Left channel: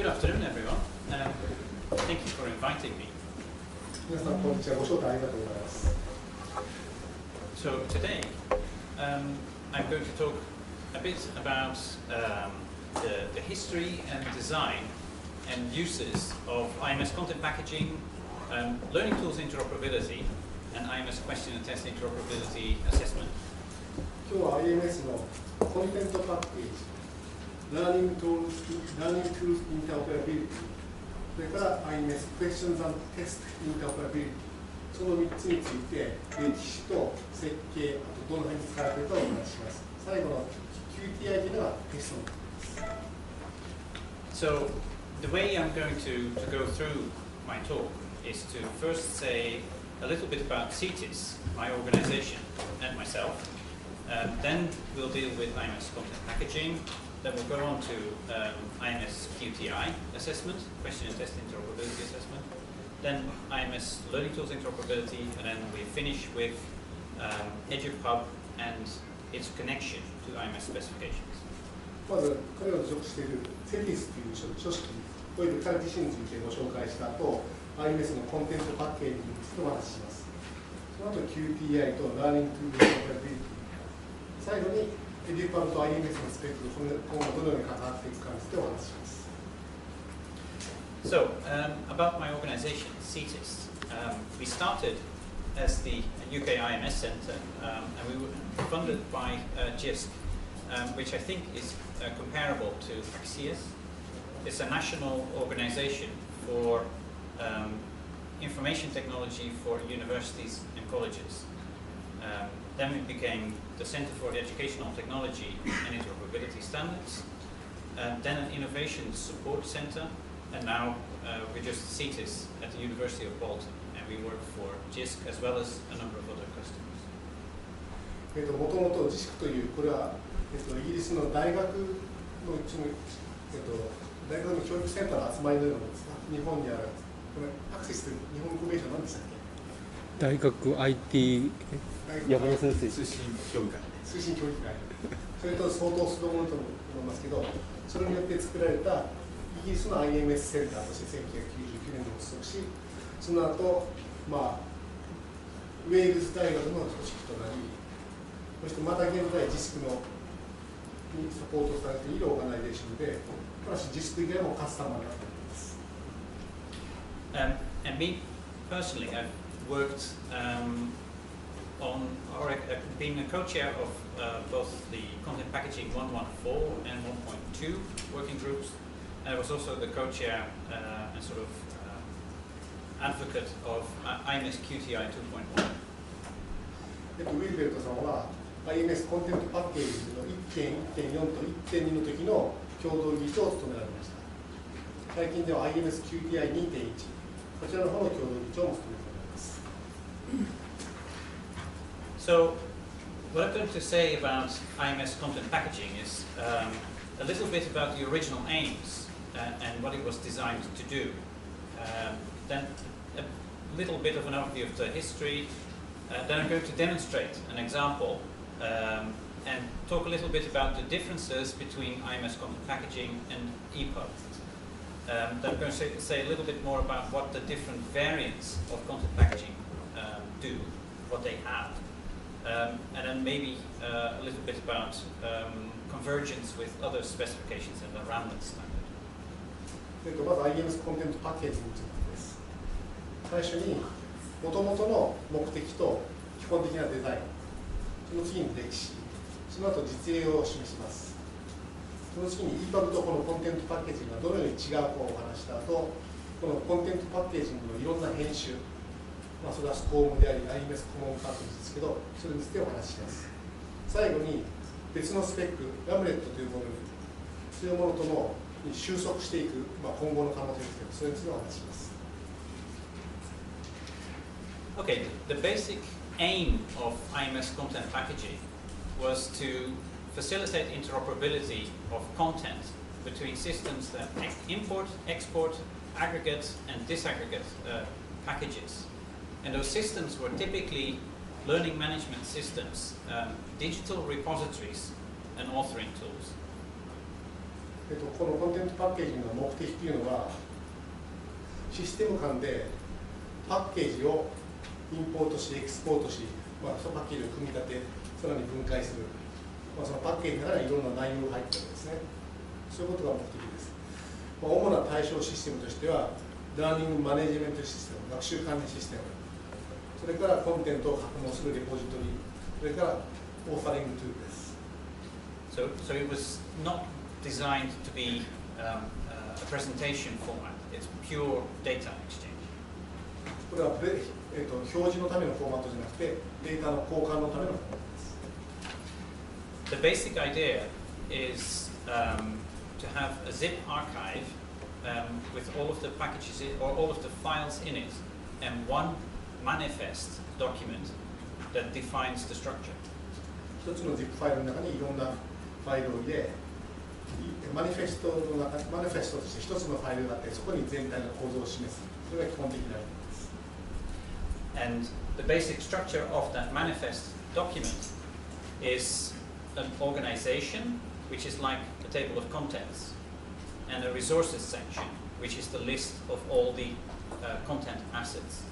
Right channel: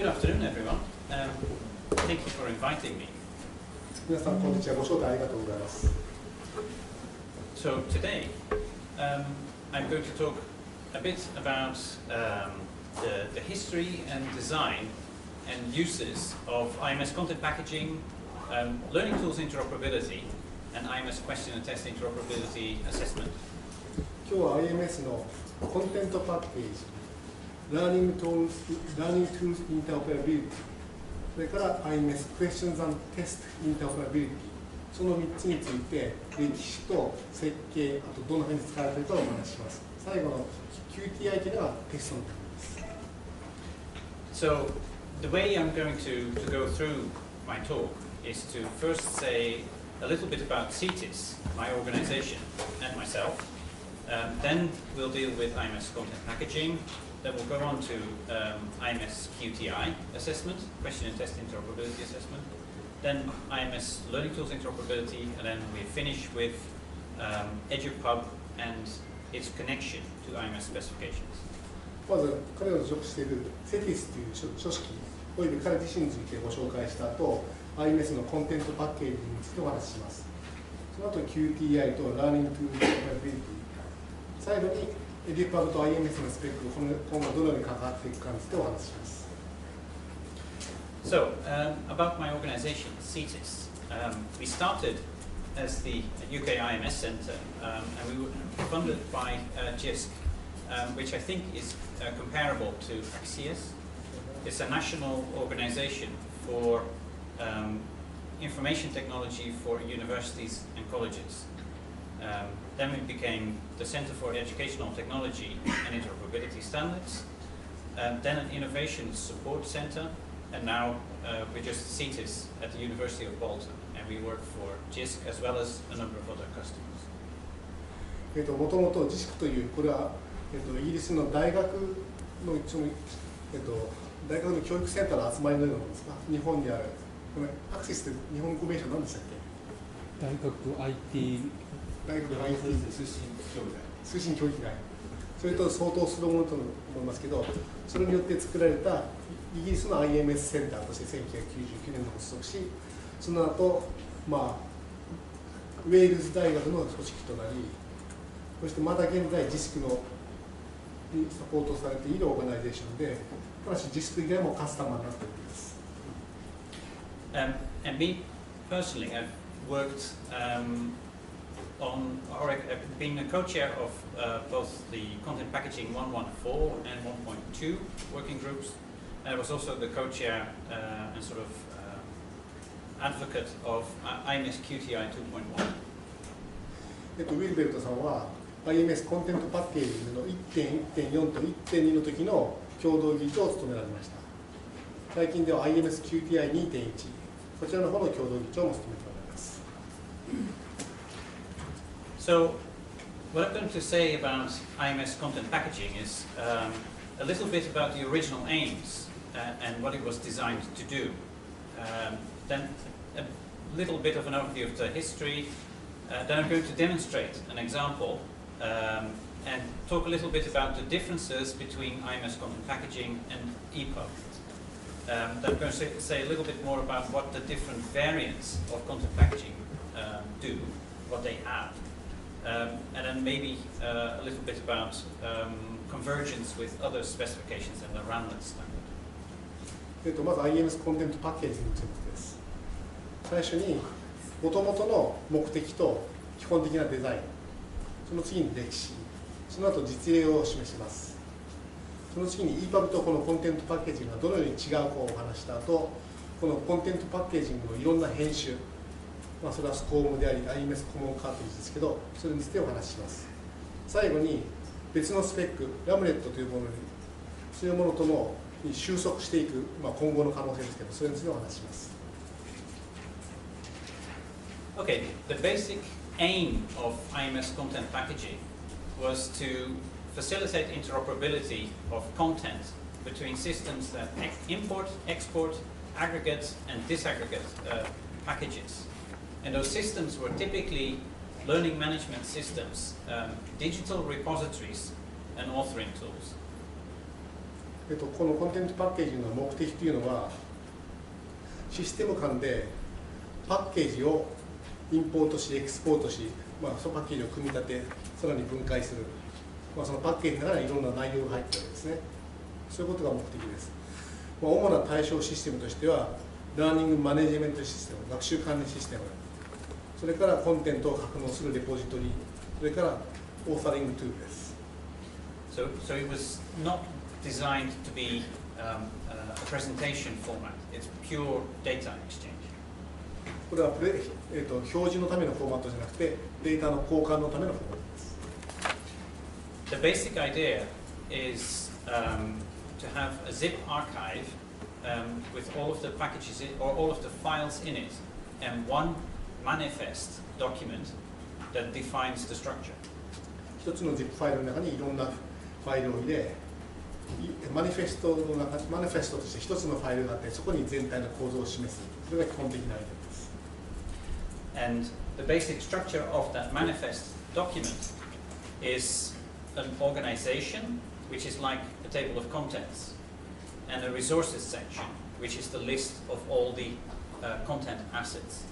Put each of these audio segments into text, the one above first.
Good afternoon, everyone. Thank you for inviting me. 皆さんこんにちは。ご招待ありがとうございます。So today, I'm going to talk a bit about the history and design and uses of IMS Content Packaging, Learning Tools Interoperability, and IMS Question and Test Interoperability Assessment. 今日は IMS のコンテントパッケージ、Learning Tools Interoperability、それから IMS Questions and Test Interoperability、その3つについて歴史と設計、あとどの辺に使われているかをお話しします。最後の QTI というのがテストのところです。So the way I'm going to go through my talk is to first say a little bit about CETIS, my organization, and myself. Then we'll deal with IMS Content Packaging. Then we'll go on to IMS QTI assessment, Question and Test Interoperability Assessment. Then IMS Learning Tools Interoperability, and then we finish with EduPub and its connection to IMS specifications. まず彼が属している CETIS という組織および彼自身についてご紹介した後、IMS のコンテントパッケージについてお話しします。その後 QTI と Learning Tools Interoperability、最後に EduPub と IMS のスペックが今後どのように関わっていくかについてお話しします。So, about my organization, CETIS. We started as the UK IMS Centre, and we were funded by JISC, which I think is comparable to AXIS. It's a national organization for information technology for universities and colleges. Then we became the Centre for Educational Technology and Interoperability Standards, then an Innovation Support Centre, and now we're just CETIS at the University of Bolton, and we work for JISC as well as a number of other customers. もともと JISC というこれは、イギリスの大学の大学の教育センターの集まりのようなものですか。日本にあるこのアクセスって日本語名称何でしたっけ？大学 IT 通信教育会、それと相当するものと思いますけど、それによって作られたイギリスの IMS センターとして1999年に発足し、その後、ウェールズ大学の組織となり、そしてまだ現在 JISC にサポートされているオーガナイゼーションで、ただし JISC 以外もカスタマーになっています。And me personally, I've worked on, or been a co-chair of both the Content Packaging 1.14 and 1.2 working groups. I was also the co-chair and sort of advocate of IMS QTI 2.1. ウィルベルトさんは IMS コンテントパッケージングの 1.1.4 と 1.2 の時の共同議長を務められました。最近では IMS QTI 2.1、こちらの方の共同議長も務めておられます。So, what I'm going to say about IMS content packaging is a little bit about the original aims and what it was designed to do. Then a little bit of an overview of the history. Then I'm going to demonstrate an example and talk a little bit about the differences between IMS content packaging and EPUB. Then I'm going to say a little bit more about what the different variants of content packaging do, what they have. And then maybe a little bit about convergence with other specifications and the Ramlet standard. まず IMS コンテントパッケージについてです。最初に元々の目的と基本的なデザイン、その次に歴史、その後実例を示します。その次に EPUB とこのコンテントパッケージングがどのように違うかをお話した後、このコンテントパッケージングのいろんな編集、それはスコームであり IMS コモンカートリッジですけど、それについてお話しします。最後に別のスペック、ラムレットというものに、そういうものとのに収束していく、今後の可能性ですけど、それについてお話しします。Okay, the basic aim of IMS content packaging was to facilitate interoperability of content between systems that import, export, aggregate and disaggregate packages. And those systems were typically learning management systems, digital repositories and authoring tools. このコンテンツパッケージの目的というのは、システム間でパッケージをインポートし、エクスポートし、そのパッケージを組み立て、さらに分解する、そのパッケージの中にいろんな内容が入っているわけですね。そういうことが目的です。主な対象システムとしては、ラーニングマネジメントシステム、学習管理システム、それからコンテンツを格納するレポジトリ、それからオーサリングトゥールです。So it was not designed to be a presentation format. It's pure data exchange. これは表示のためのフォーマットじゃなくて、データの交換のためのフォーマットです。The basic idea is to have a zip archive with all of the packages or all of the files in it and one manifest document that defines the structure. 一つの ZIP ファイルの中にいろんなファイルを入れ、マニフェストとして一つのファイルがあって、そこに全体の構造を示す。それが基本的なアイテムです。And the basic structure of that manifest document is an organization, which is like a table of contents, and a resources section, which is the list of all the content assets.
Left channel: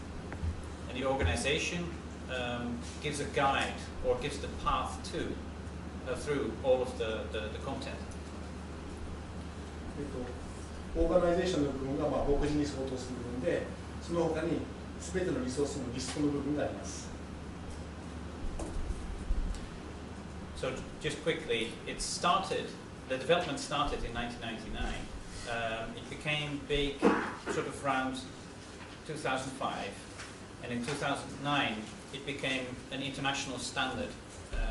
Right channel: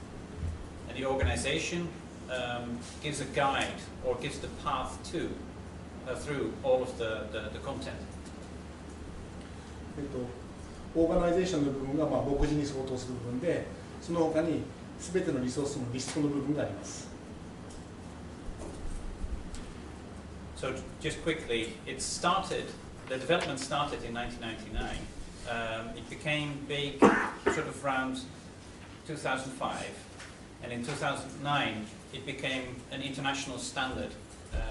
And the organization gives a guide or gives the path to through all of the content. オーガナイゼーションの部分が目次に相当する部分で、その他に全てのリソースのリストの部分があります。So just quickly, the development started in 1999. It became big sort of around 2005, and in 2009 it became an international standard.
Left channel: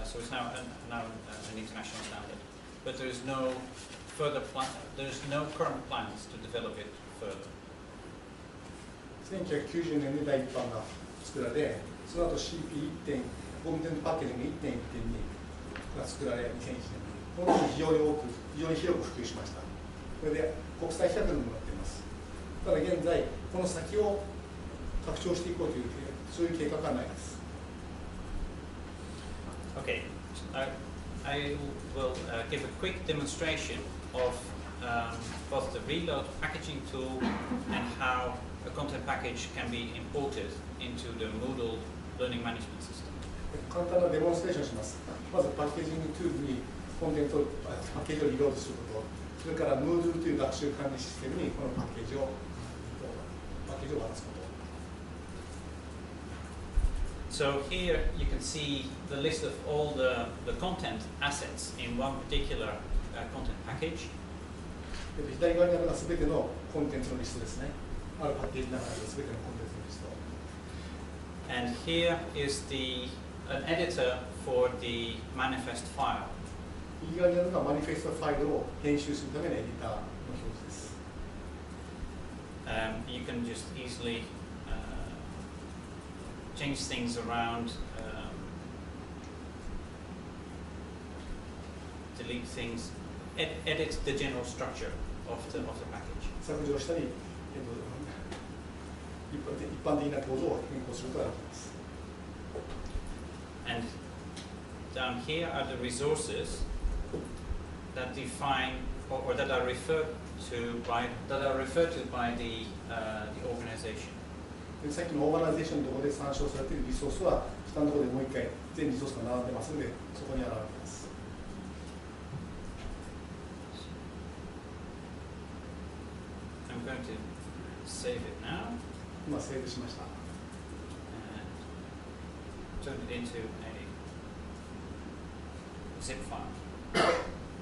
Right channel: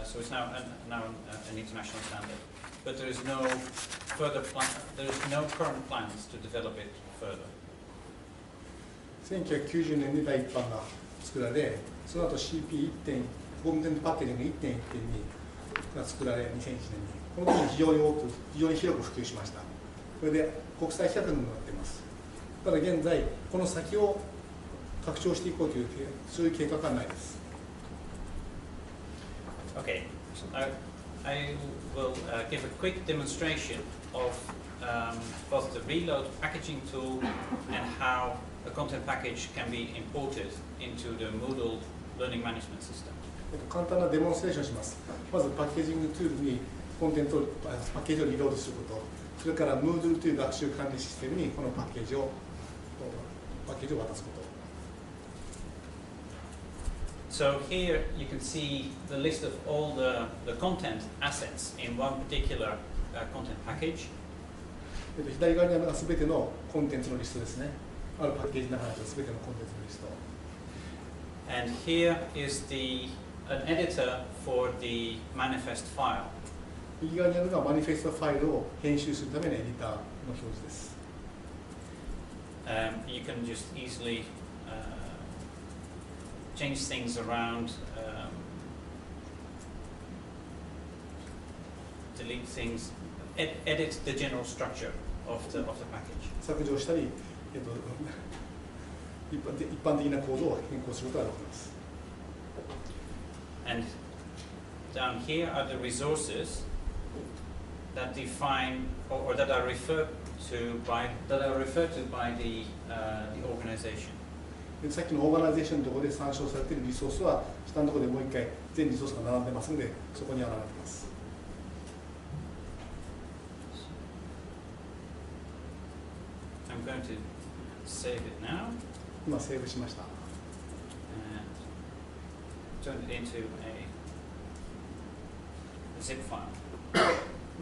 So it's now an international standard. But there is no current plans to develop it further. 1990年に第一版が作られ、その後 CP1.コンテンツパッケージング 1.1.2 が作られ、2001年にこの時に非常に広く普及しました。これで国際規格にもなっています。ただ現在この先を拡張していこうというそういう計画はないです。Okay, I will give a quick demonstration of both the reload packaging tool and how a content package can be imported into the Moodle learning management system. 簡単なデモンストレーションします。まずパッケージングトゥールにコンテンツをパッケージをリロードすること、それから Moodle という学習管理システムにこのパッケージを渡すこと。So here you can see the list of all the content assets in one particular content package. 左側にあるのがすべてのコンテンツのリストですね。あるパッケージの中にあるすべてのコンテンツのリスト。And here is an editor for the manifest file. 右側にあるのがマニフェストファイルを編集するためのエディターの表示です。You can just easily change things around, delete things, edit the general structure of the package. 削除したり、一般的な構造を変更することができます。And down here are the resources that define or that are referred to by the organization. さっきのオーガナイゼーションのところで参照されているリソースは下のところでもう一回全リソースが並んでますのでそこに現れています。I'm going to save it now. 今セーブしました。Turn it into a zip file.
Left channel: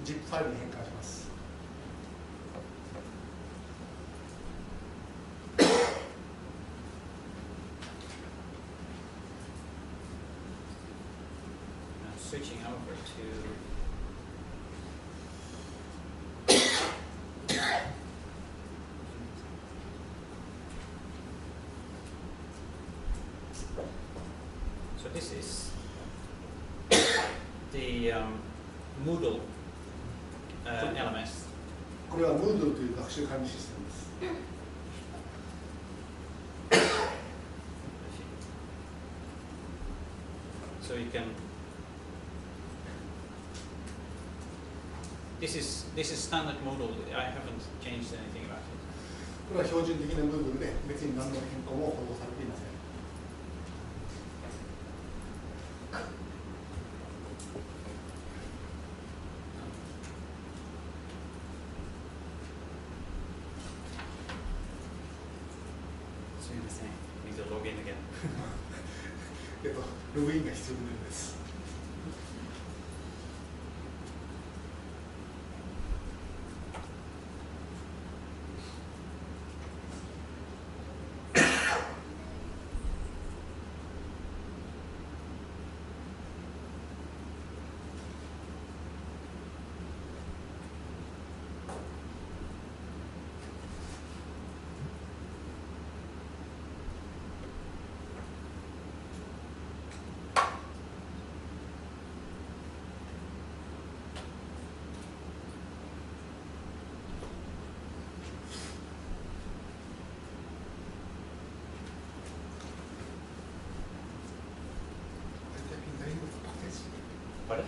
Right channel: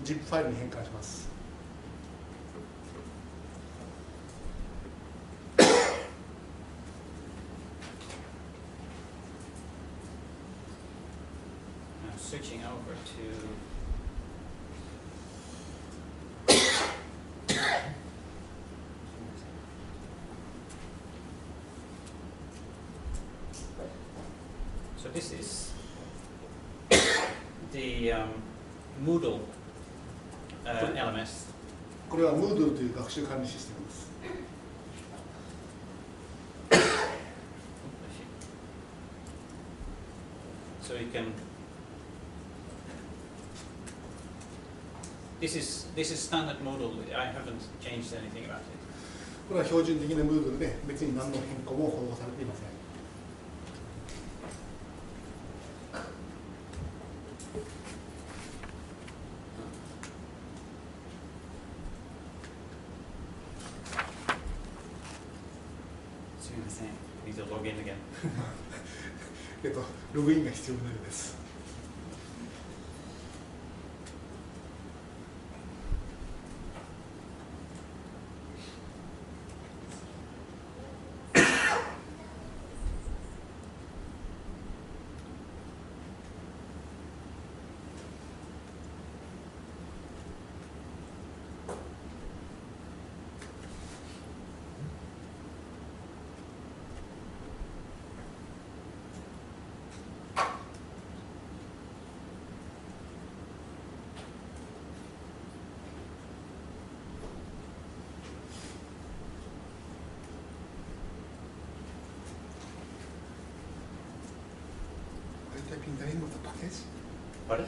ZIP ファイルに変換します。Switching over to so this is the Moodle LMS. これは Moodle という学習管理システムです。So you can this is standard Moodle. I haven't changed anything about it. これは標準的な Moodle で別に何の変更も施されていません。すみません。Need to log in again. ログインが必要になるです。Typing the name of the package? Pardon?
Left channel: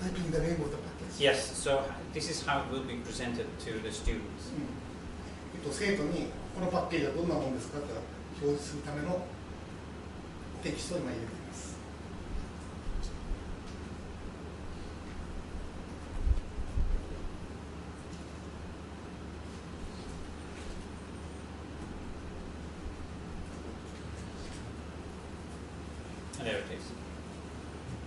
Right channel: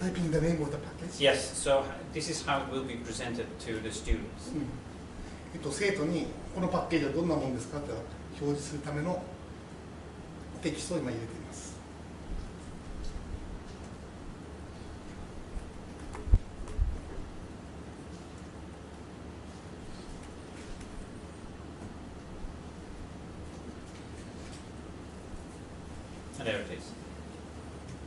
Typing the name of the package? Yes, so this is how it will be presented to the students. 生徒にこのパッケージはどんなものですかって表示するためのテキストを今入れています。And there it is.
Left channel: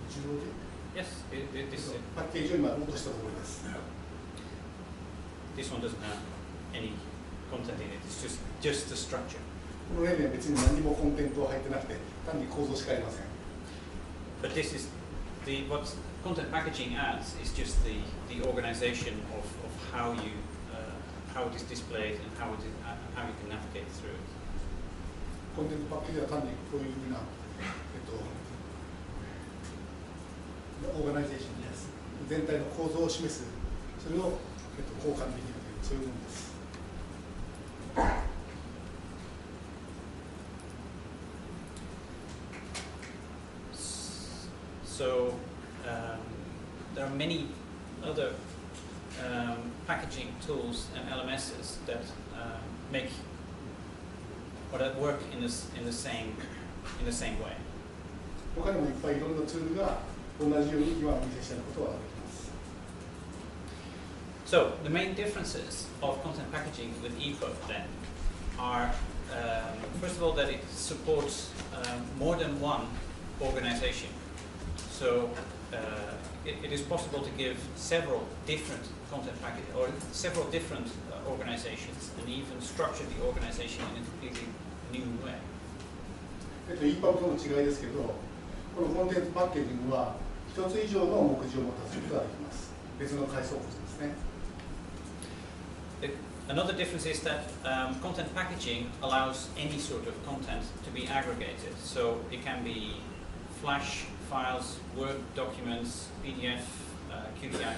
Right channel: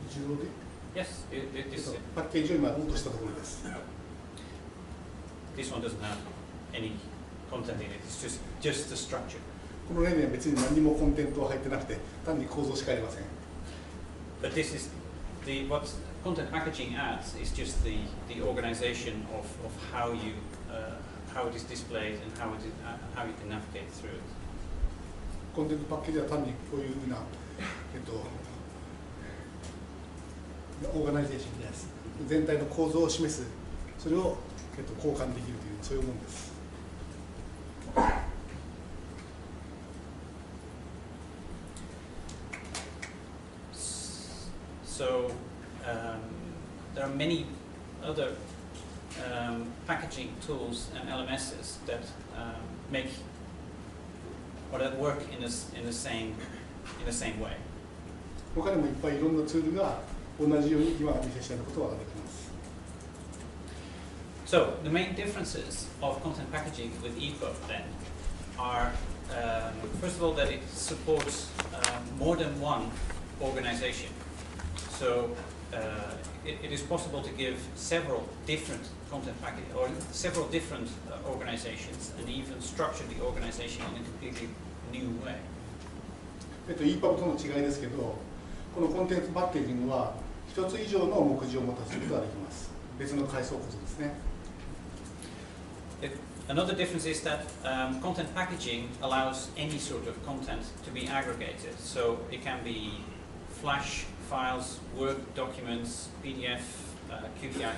自動で Yes, this パッケージを今落としたところです。this one doesn't have any content in it. It's just the structure. この例には別に何もコンテンツは入ってなくて、単に構造しかありません。But this is what content packaging adds is just the organization of how how it is displayed and how you can navigate through it. コンテンツパッケージは単にこういうふうなオーガナイゼーションです。全体の構造を示す、それを交換できるというそういうものです。So there are many other packaging tools and LMSs that make or that work in the same way. 他にもいっぱいいろんなツールが同じように今お見せしたようなことができます。So the main differences of content packaging with EPUB then are first of all that it supports more than one organization. So it is possible to give several different content package or several different organizations and even structure the organization in a completely new way. EPUB との違いですけど、このコンテンツパッケージングは一つ以上の目次を持たせることができます。別の階層構造ですね。Another difference is that content packaging allows any sort of content to be aggregated. So it can be Flash files, Word documents, PDF, QTI,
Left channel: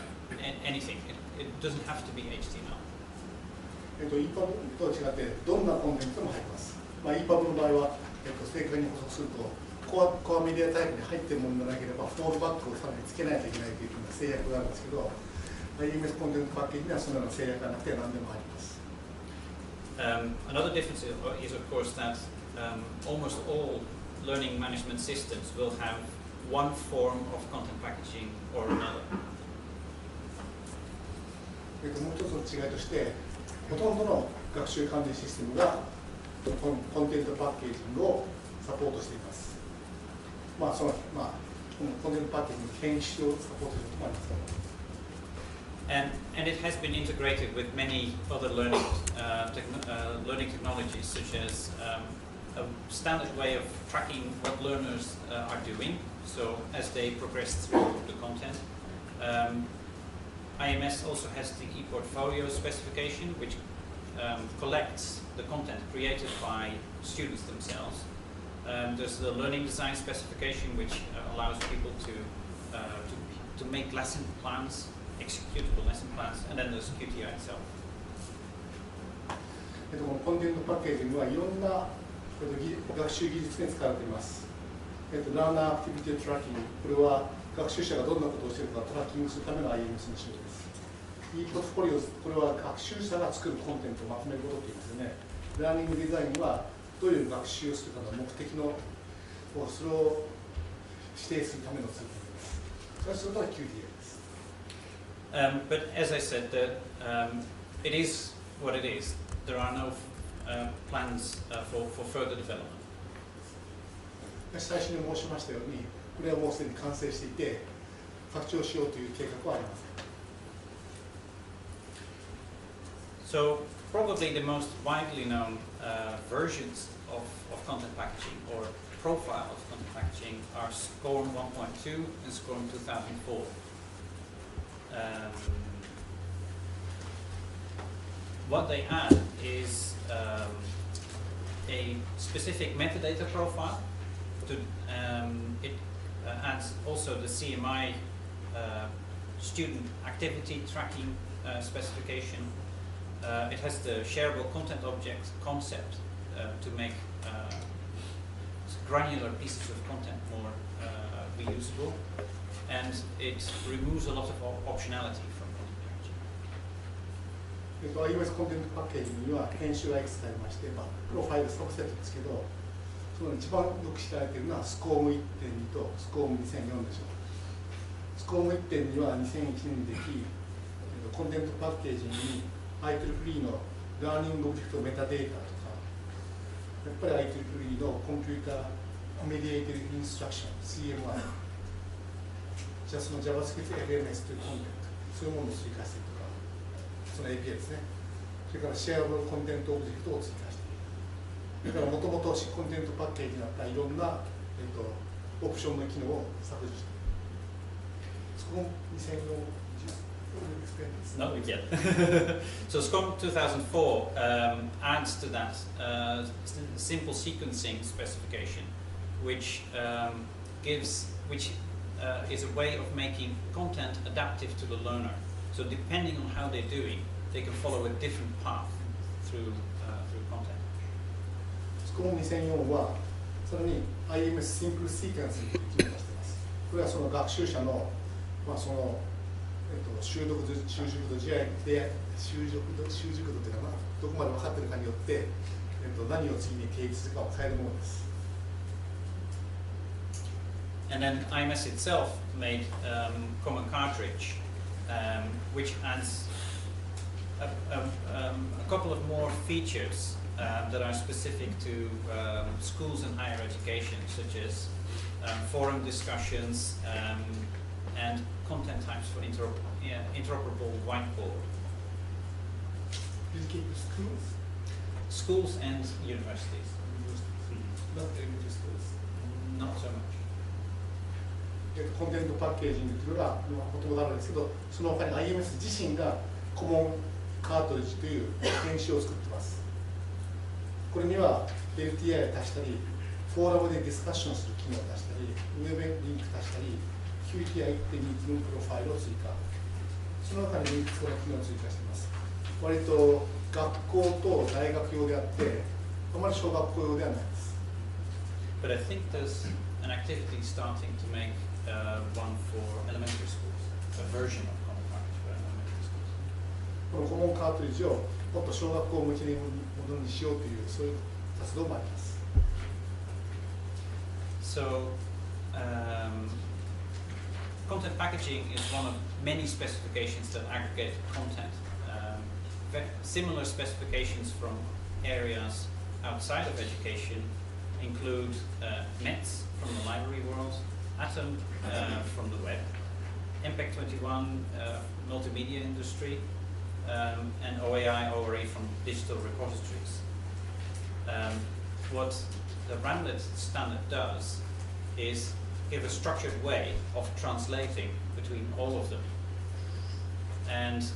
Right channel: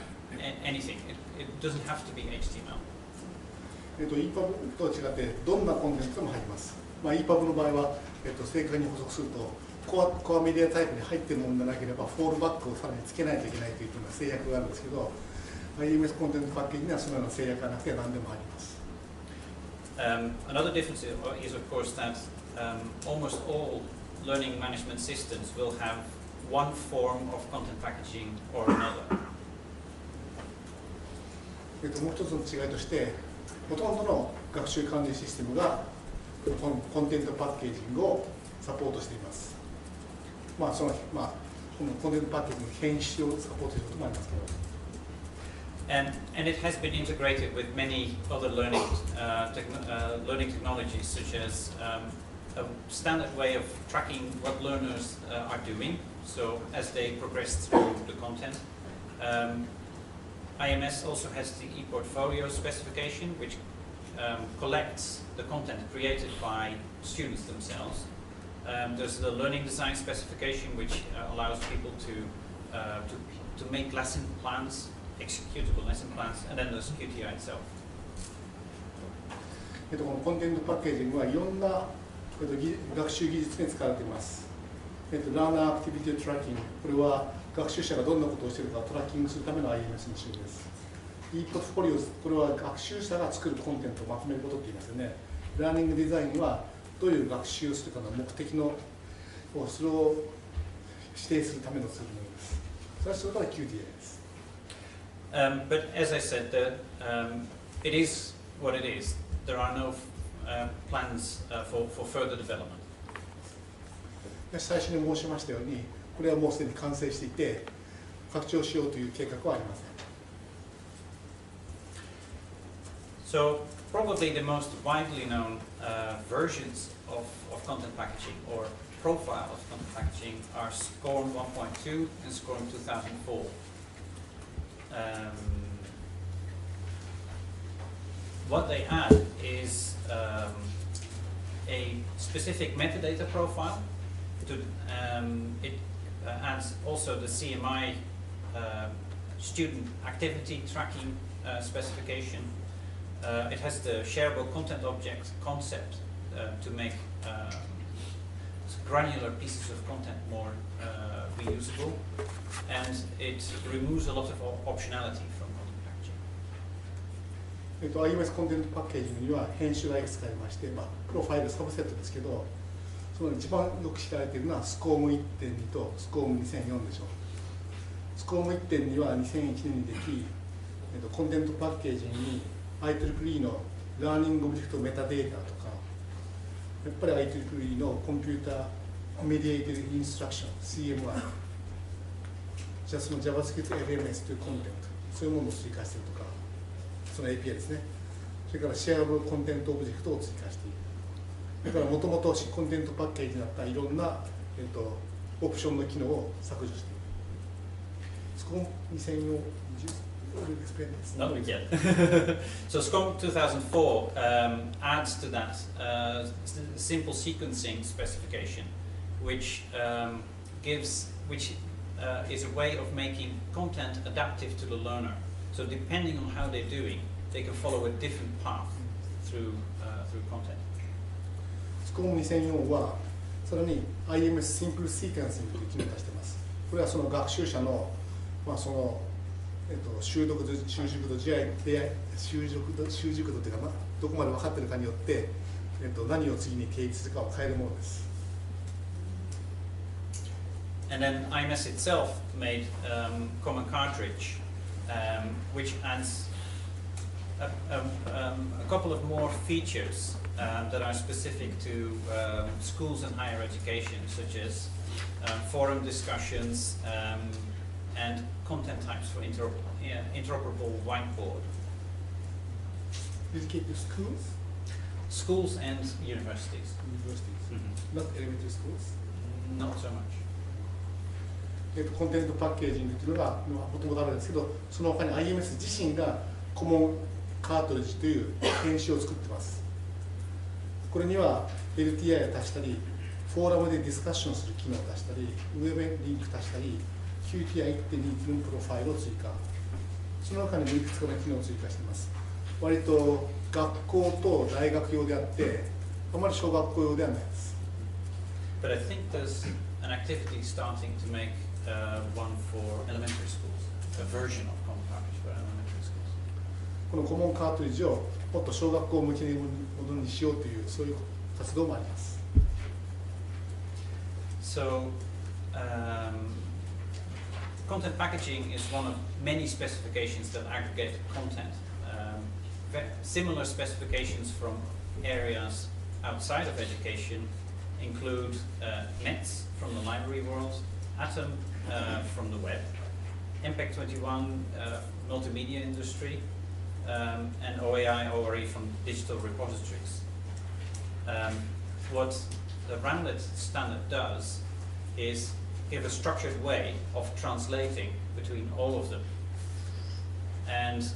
anything. It doesn't have to be HTML. EPUB とは違ってどんなコンテンツでも入ります。EPUB の場合は、正確に補足するとコアメディアタイプに入っているものでなければフォールバックをさらにつけないといけないというような制約があるんですけど、IMS コンテンツパッケージにはそのような制約がなくて何でも入ります。Another difference is of course that almost all learning management systems will have one form of content packaging or another. もう一つの違いとして、ほとんどの学習管理システムがコンテンツパッケージングをサポートしています。このコンテンツパッケージの編集をサポートすることもありますけど。And it has been integrated with many other learning technologies, such as a standard way of tracking what learners are doing. So as they progress through the content, IMS also has the ePortfolio specification, which collects the content created by students themselves. There's the learning design specification, which allows people to make lesson plans, executable lesson plans, and then there's QTI itself. このコンテンツパッケージングはいろんな学習技術に使われています。ラーナーアクティビティトラッキング、これは学習者がどんなことをしているかをトラッキングするための IMS の仕様です。e ポートフォリオ、これは学習者が作るコンテンツをまとめることって言いますよね。ラーニングデザインはどういう学習をするかの目的のそれを指定するためのツールです。それをするのが QTI です。But as I said, it is what it is. There are no plans for further development. 最初に申しましたように、これはもうすでに完成していて、拡張しようという計画はありません。So probably the most widely known versions of content packaging or profile of content packaging are SCORM 1.2 and SCORM 2004. What they add is a specific metadata profile. It adds also the CMI student activity tracking specification. It has the shareable content object concept to make granular pieces of content more reusable, and it removes a lot of optionality from content packaging. IMS コンテンツパッケージには編集がいくつかありまして、プロファイルサブセットですけど、その一番よく知られているのはスコーム 1.2 とスコーム 2004 でしょう。スコーム 1.2 は2001年にでき、コンテンツパッケージに IEEE のラーニングオブジェクトメタデータとか、やっぱり IEEE のコンピューターメディエイティブインストラクション CMI、じゃあその JavaScript LMS というコンテンツ、そういうものを追加しているとか、その API ですね。それからシェアブルコンテンツオブジェクトを追加している。だからもともとコンテンツパッケージになったいろんな、オプションの機能を削除している。そこ2004 Not yet. So SCORM 2004 adds to that simple sequencing specification, which is a way of making content adaptive to the learner. So depending on how they're doing, they can follow a different path through content. SCORM 2004はさらに IMS シンプルシーケンシングという機能を出しています。これはその学習者の、その習熟度、習熟度というかな、どこまで分かっているかによって、何を次に定義するかを変えるものです。And then IMS itself made common cartridge, which adds a couple of more features that are specific to schools and higher education, such as forum discussions and content types for interoperable whiteboard. Dedicate to schools? Schools and universities. Universities. Mm-hmm. Not elementary schools? Not so much. コンテンツパッケージングというのがもともとあるんですけど、その他に IMS 自身がコモンカートリッジという編集を作っています。これには LTI を足したり、フォーラムでディスカッションする機能を出したり、ウェブリンク足したり、QTI 1.2機能プロファイルを追加。その他にいくつかの機能を追加しています。割と学校と大学用であって、あまり小学校用ではないです。But I think there's an activity starting to make one for elementary schools, a version of common cartridge for elementary schools. このコモンカートリッジをもっと小学校向けにものにしようというそういう活動もあります。So, content packaging is one of many specifications that aggregate content. Similar specifications from areas outside of education include METS from the library world, Atom from the web, Impact 21 multimedia industry, and OAI ORE from digital repositories. What the Ramlet standard does is give a structured way of translating between all of them. And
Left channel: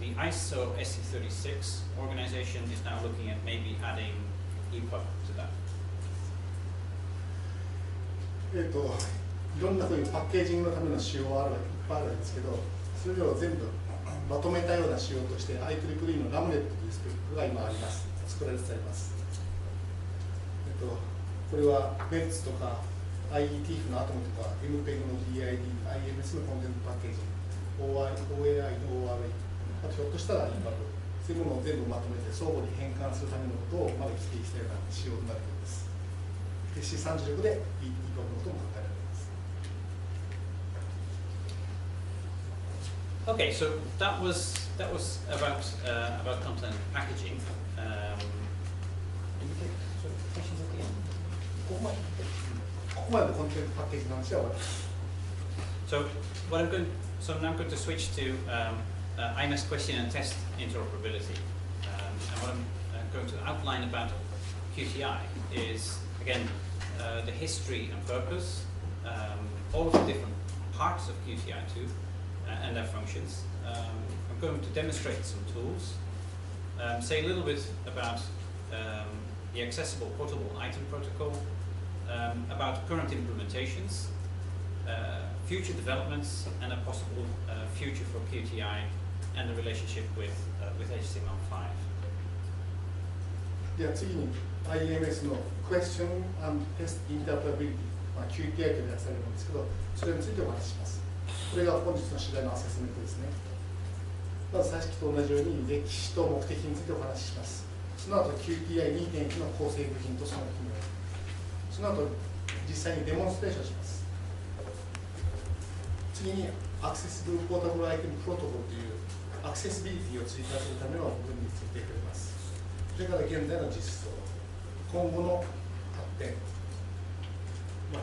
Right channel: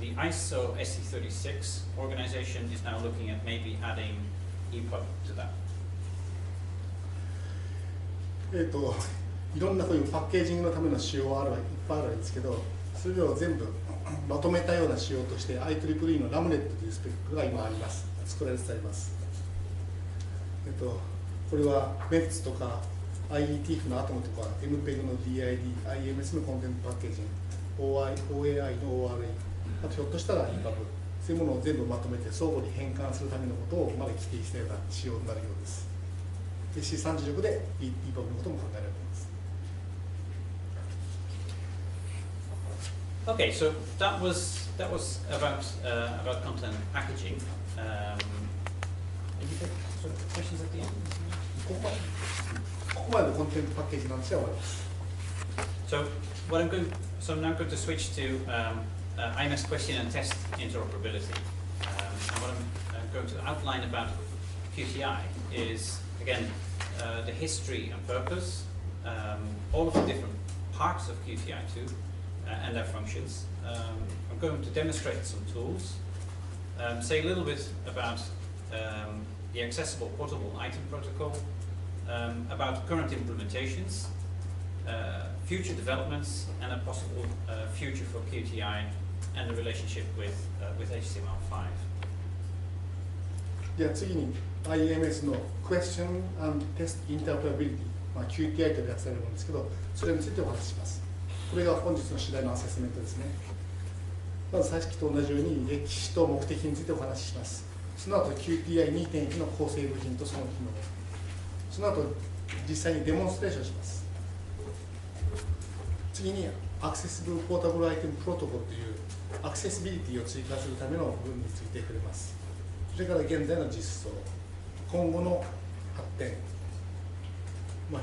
the ISO SC36 organization is now looking at maybe adding EPUB to that. いろんなこういうパッケージングのための仕様はいっぱいあるんですけど、それを全部まとめたような仕様として IEEE のラムネットというスペックが今あります。作られてあります。これは METS とか IETF のアトムとか MPEG の DID、IMS のコンテンツパッケージング、OAI の ORA、あとひょっとしたら EPUB、そういうものを全部まとめて相互に変換するためのことをまで規定したような仕様になるようです。で C36 で EPUB のことも考えられます。Okay, so that was about content packaging. Did you take sort of questions at the end? ここまでコンテンツパッケージの話は終わります。So I'm now going to switch to IMS question and test interoperability. And what I'm going to outline about QTI is, again, the history and purpose, all of the different parts of QTI2 and their functions. I'm going to demonstrate some tools, say a little bit about the accessible portable item protocol, about current implementations, future developments, and a possible future for QTI and the relationship with HTML5. では次に IMS の Question and Test Interoperability、QTI と訳されるものですけど、それについてお話しします。これが本日の主題のアセスメントですね。まずさっきと同じように歴史と目的についてお話しします。その後 QTI2.1 の構成部品とその機能、その後実際にデモンストレーションします。次にアクセシブルポータブルアイテムプロトコルというアクセシビリティを追加するための部分について触れます。それから現在の実装、今後の発展、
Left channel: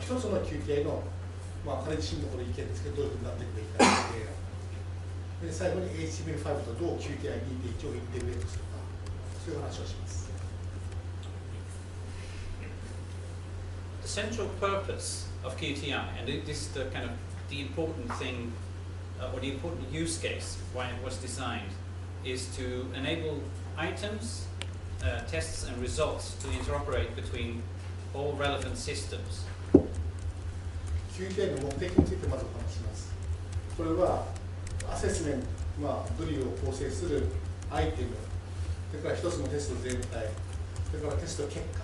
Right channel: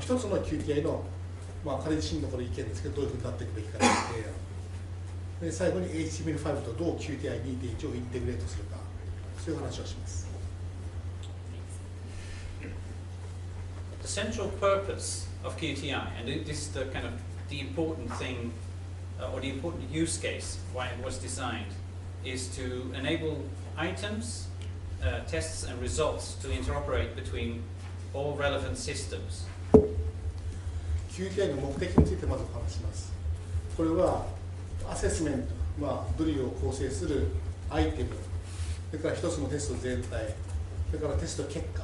一つの QTI の、彼自身のこれ意見ですけど、どういうふうになっていくべきかという提案。で最後に HTML5 とどう QTI2.1 をインテグレートするか、そういう話をします。The central purpose of QTI, and this is the kind of the important thing, or the important use case why it was designed, is to enable items, tests and results to interoperate between all relevant systems. QTI の目的についてまずお話します。これはアセスメント、ドリルを構成するアイテム、それから一つのテスト全体、それからテスト結果、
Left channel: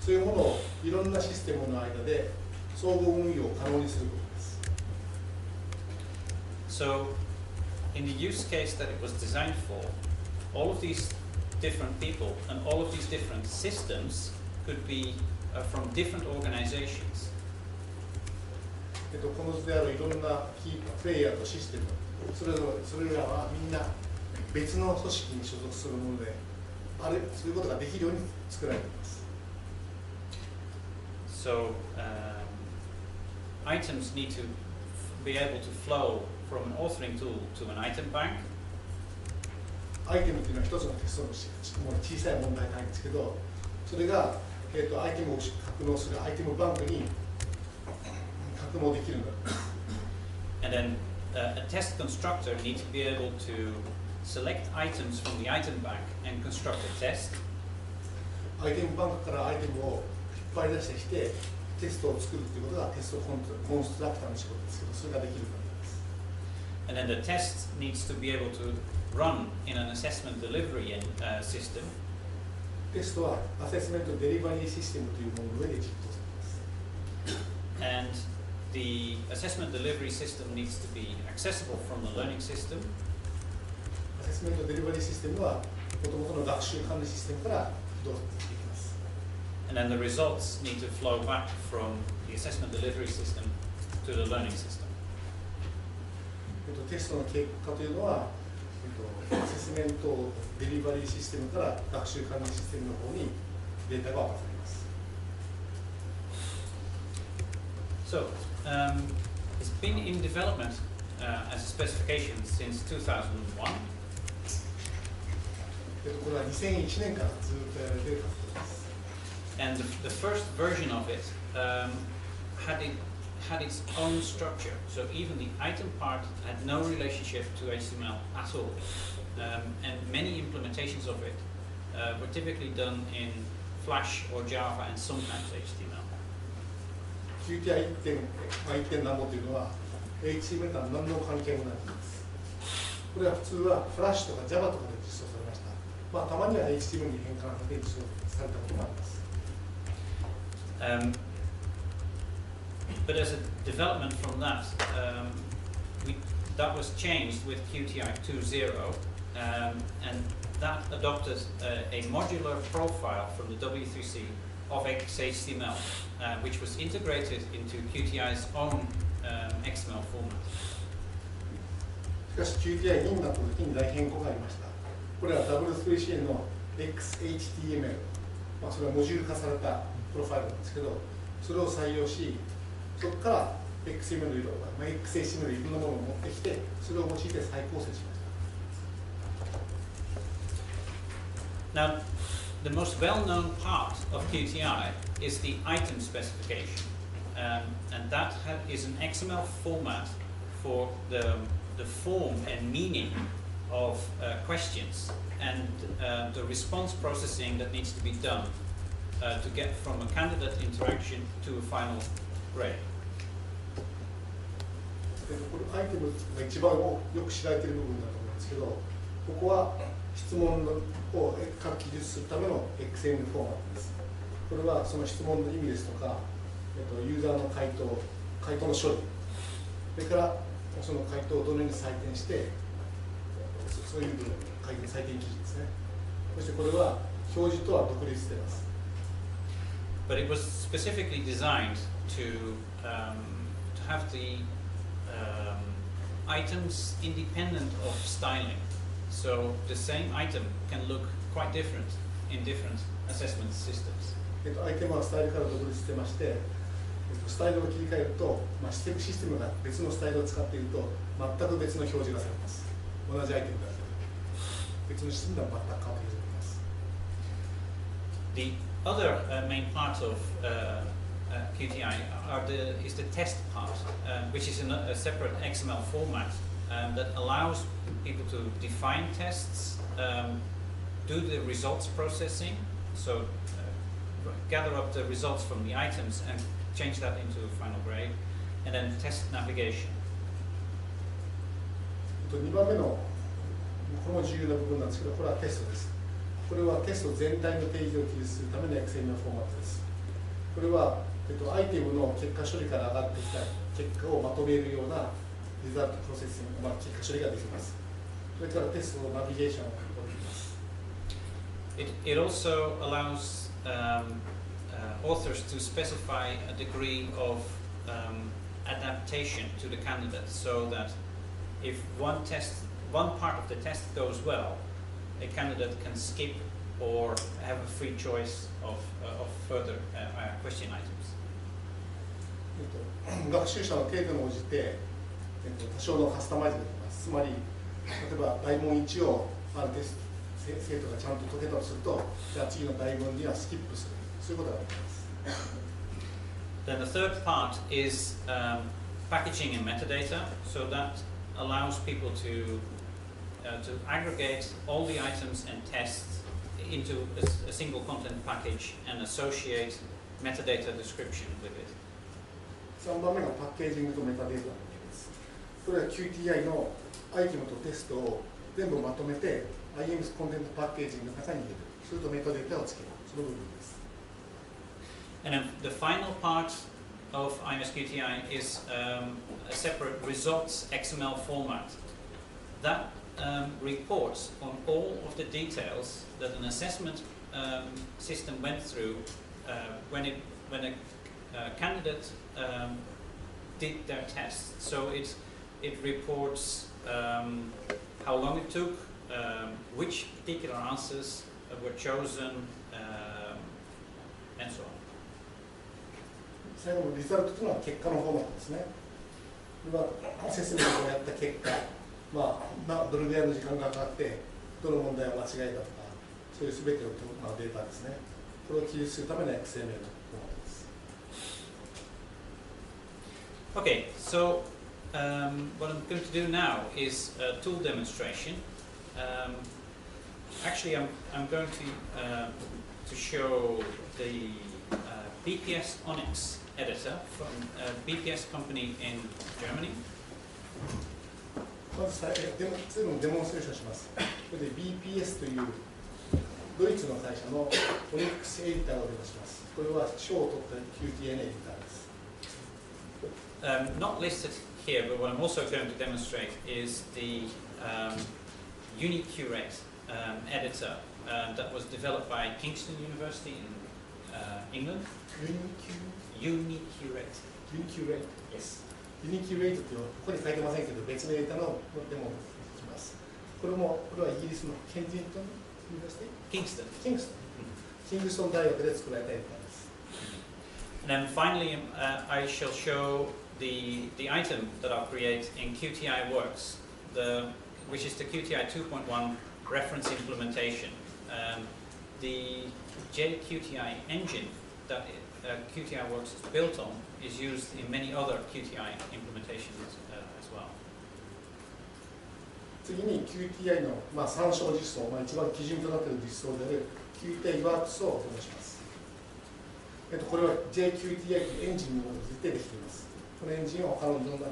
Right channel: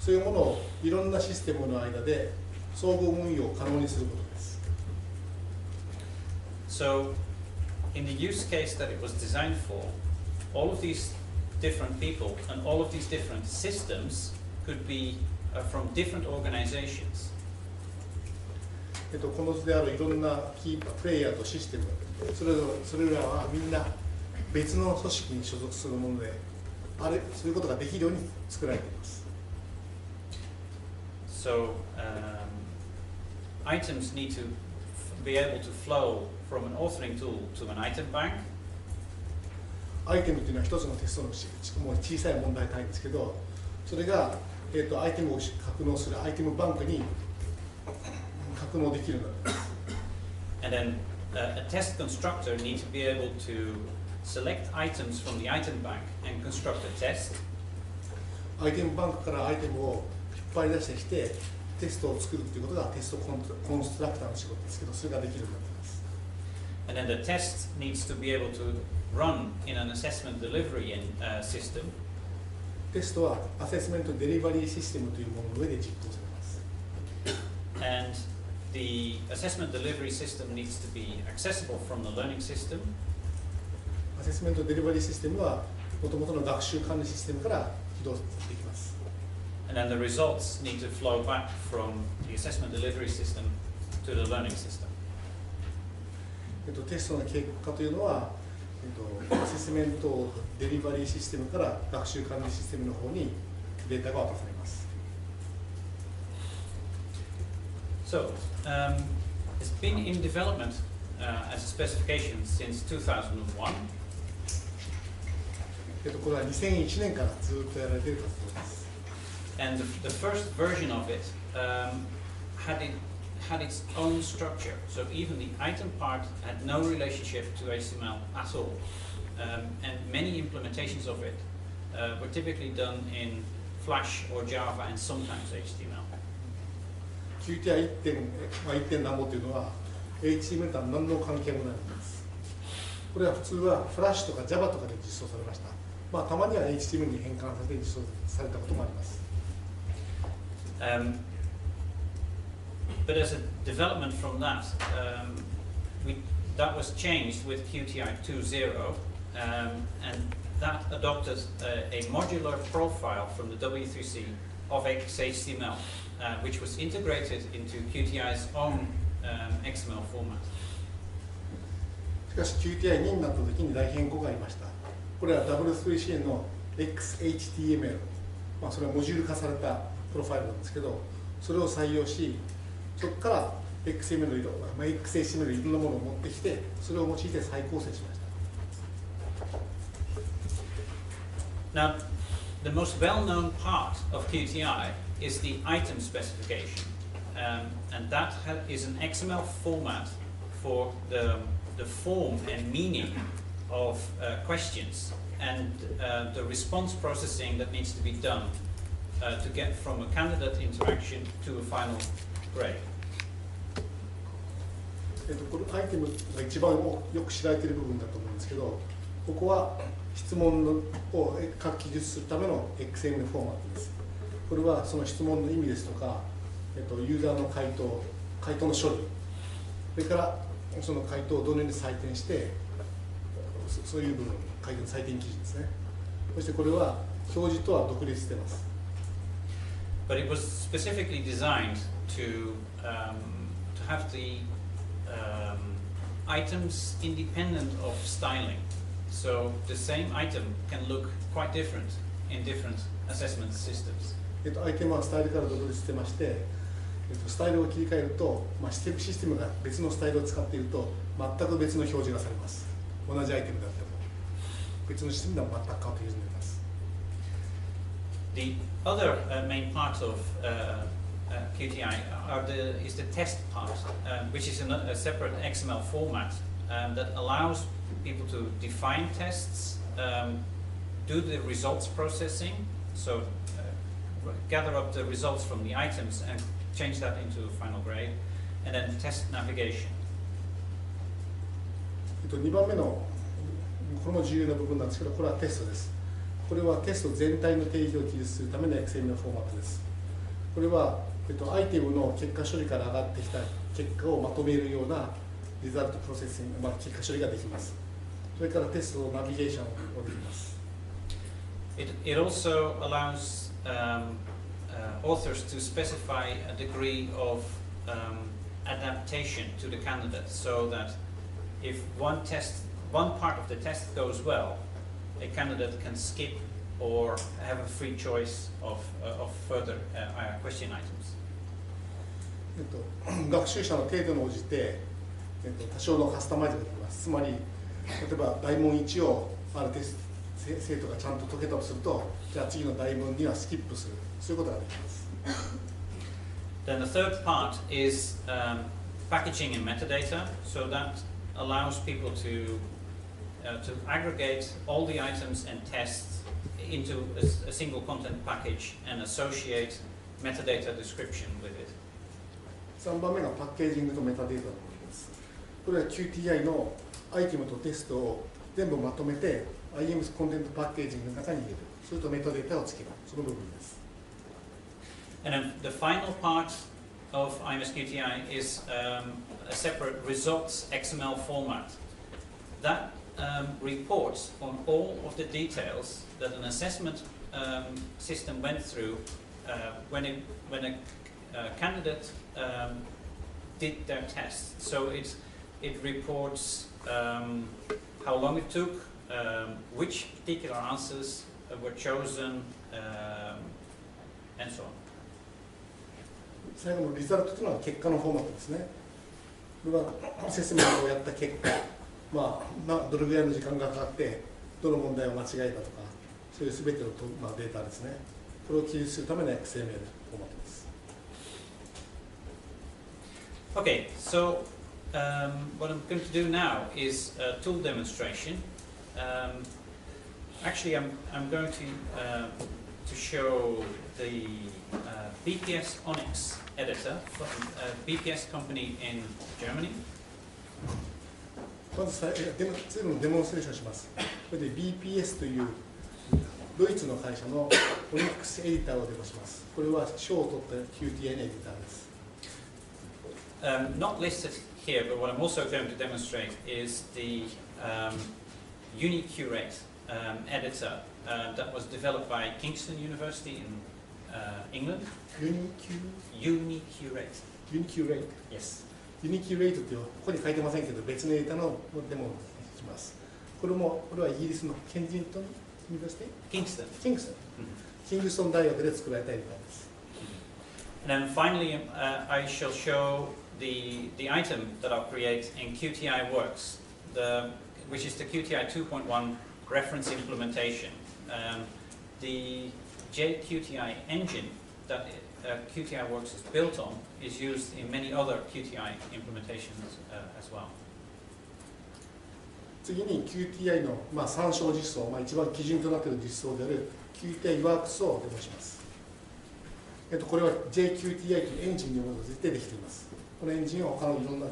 そういうものをいろんなシステムの間で総合運用を可能にすることです。So, in the use case that it was designed for, all of these different people and all of these different systems could be from different organizations. この図であるいろんなキープレイヤーとシステム、それらはみんな別の組織に所属するもので、そういうことができるように作られています。So, items need to be able to flow from an authoring tool to an item bank. アイテムというのは一つのテストの小さい問題単位ですけど、それが、アイテムを格納するアイテムバンクに格納できるのです。And then a test constructor needs to be able to select items from the item bank and construct a test. アイテムバンクからアイテムを引っ張り出してきてテストを作るということがテストコンストラクターの仕事ですけど、それができるようになっています。And then the test needs to be able to run in an assessment delivery system. テストはアセスメントデリバリーシステムというものの上で実行されます。And the assessment delivery system needs to be accessible from the learning system. アセスメントデリバリーシステムはもともとの学習管理システムから起動できます。And then the results need to flow back from the assessment delivery system to the learning system. テストの結果というのは、アセスメントデリバリーシステムから学習管理システムの方にデータが渡されます。So, it's been in development as a specification since 2001. これは2001年からずっとやられている活動です。And the first version of it had its own structure. So even the item part had no relationship to HTML at all. And many implementations of it were typically done in Flash or Java and sometimes HTML. QTI 1.何もというのは HTML とは何の関係もないんです。これは普通は Flash とか Java とかで実装されました。たまには HTML に変換されて実装されたこともあります。But as a development from that, that was changed with QTI 2.0, and that adopted a modular profile from the W3C of XHTML, which was integrated into QTI's own XML format. しかし QTI2 になった時に大変更がありました。これは W3C の XHTML、それはモジュール化されたプロファイルなんですけど、それを採用し、そこから XML の色、XHTML のいろんなものを持ってきて、それを用いて再構成しました。Now, the most well-known part of QTI is the item specification, and that is an XML format for the form and meaning of questions and the response processing that needs to be done to get from a candidate interaction to a final grade. これアイテムが一番よく知られている部分だと思うんですけど、ここは質問を書き記述するための XML フォーマットです。これはその質問の意味ですとか、ユーザーの回答の処理、それからその回答をどのように採点して、そういう部分、回答の採点記事ですね。そしてこれは表示とは独立しています。But it was specifically designed to have the items independent of styling. So the same item can look quite different in different assessment systems. アイテムはスタイルから独立してまして、スタイルを切り替えると、システムが別のスタイルを使っていると全く別の表示がされます。同じアイテムだっても別のシステムでは全く変わってきます。The other main part of QTI is the test part, which is a separate XML format that allows people to define tests, do the results processing, so gather up the results from the items and change that into a final grade, and then test navigation. 2番目のこれも重要な部分なんですけど、これはテストです。これはテスト全体の定義を記述するための XML フォーマットです。これは、アイテムの結果処理から上がってきた結果をまとめるようなリザルトプロセッシング、結果処理ができます。それからテストのナビゲーションをできます。It also allows authors to specify a degree of adaptation to the candidate, so that if one part of the test goes well, a candidate can skip or have a free choice of further question items. 学習者の程度に応じて、多少のカスタマイズができます。つまり、例えば大問1をある生徒がちゃんと解けたとすると、じゃあ次の大問にはスキップする、そういうことができます。Then the third part is packaging and metadata, so that allows people to aggregate all the items and tests into a single content package and associate metadata description with it. 3番目がパッケージングとメタデータの部分です。これは QTI のアイテムとテストを全部まとめて IMS コンテンツパッケージングの中に入れる。それとメタデータをつける。その部分です。And then the final part of IMS QTI is a separate results XML format that reports on all of the details that an assessment system went through when a candidate did their test. So it reports how long it took, which particular answers were chosen, and so on. 最後のリザルトというのは結果のフォーマットですね。これはアセスメントをやった結果、どれぐらいの時間がかかって、どの問題を間違えたとか、そういうすべてのデータですね。これを記述するための XML フォーマットです。Okay, so what I'm going to do now is a tool demonstration. Actually, I'm going to show the BPS Onyx editor from a BPS company in Germany. まずツールのデモンストレーションします。これで BPS というドイツの会社の Onyx エディターをデモします。これは賞を取った QTI のエディターです。Not listed here, but what I'm also going to demonstrate is the UniCurate editor that was developed by Kingston University in England. UniCurate. UniCurate. Yes. UniCurate ってここに書いてませんけど、別のエディターのデモをします。これはイギリスのケンジントンユニバーシティ？ Kingston. キングストン。キングストン大学で作られたエディターです。And then finally, I shall show the item that I'll create in QTI Works, which is the QTI 2.1 reference implementation. The JQTI engine that QTI Works is built on is used in many other QTI implementations as well. 次に QTI の、参照実装、一番基準となっている実装である QTI Works をデモします。これは JQTI というエンジンに基づいてできています。このエンジンは他のいろんな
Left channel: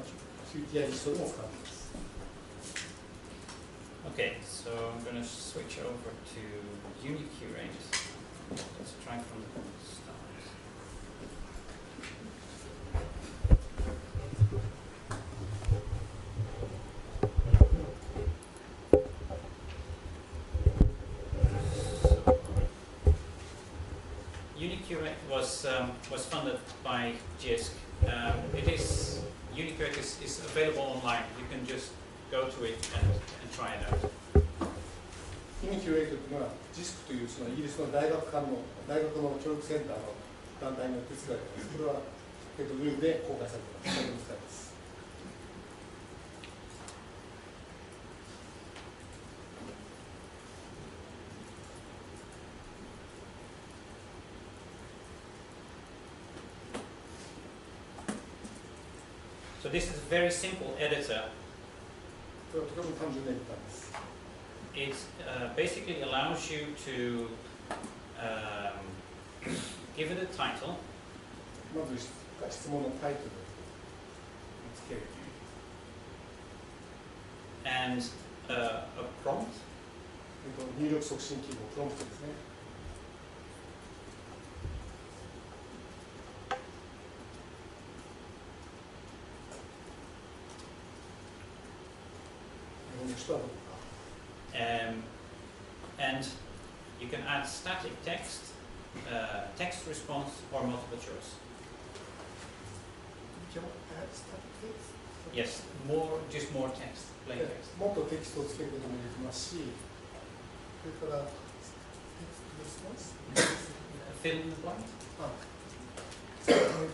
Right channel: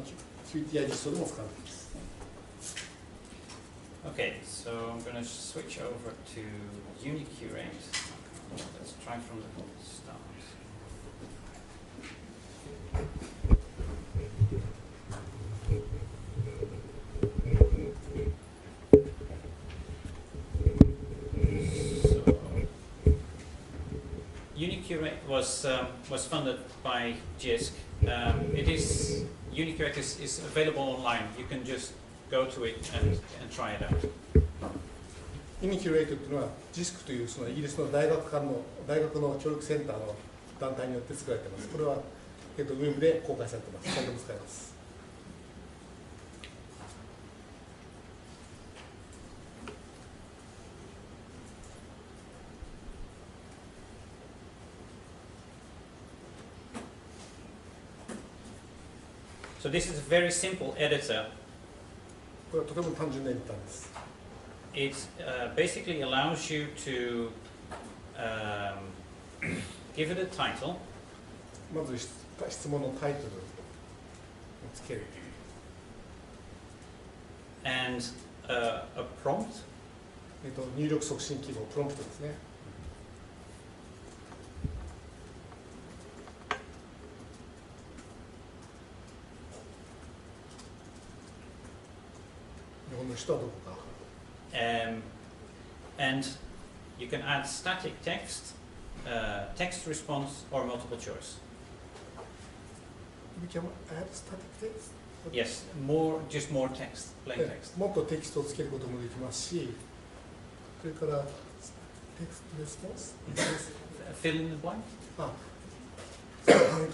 QTI 実装でも使われています。Okay, so I'm going to switch over to UniCurate. Let's try from the start. So, UniCurate was funded by JISC. UniCurate is available online. You can just go to it and try it out. UniCurate というのは JISC というそのイギリスの大学の教育センターの団体によって作られています。これはウェブで公開されています。誰でも使えます。So this is a very simple editor. これはとても単純なエディターです。It basically allows you to give it a title. まず質問のタイトルをつける。And a prompt. 入力促進記号、プロンプトですね。日本の人はどこか。And you can add static text, text response, or multiple choice. We can add static text? Yes, just more text, plain text. もっとテキストをつけることもできますし、それからテキストレスポンス Fill in the blank?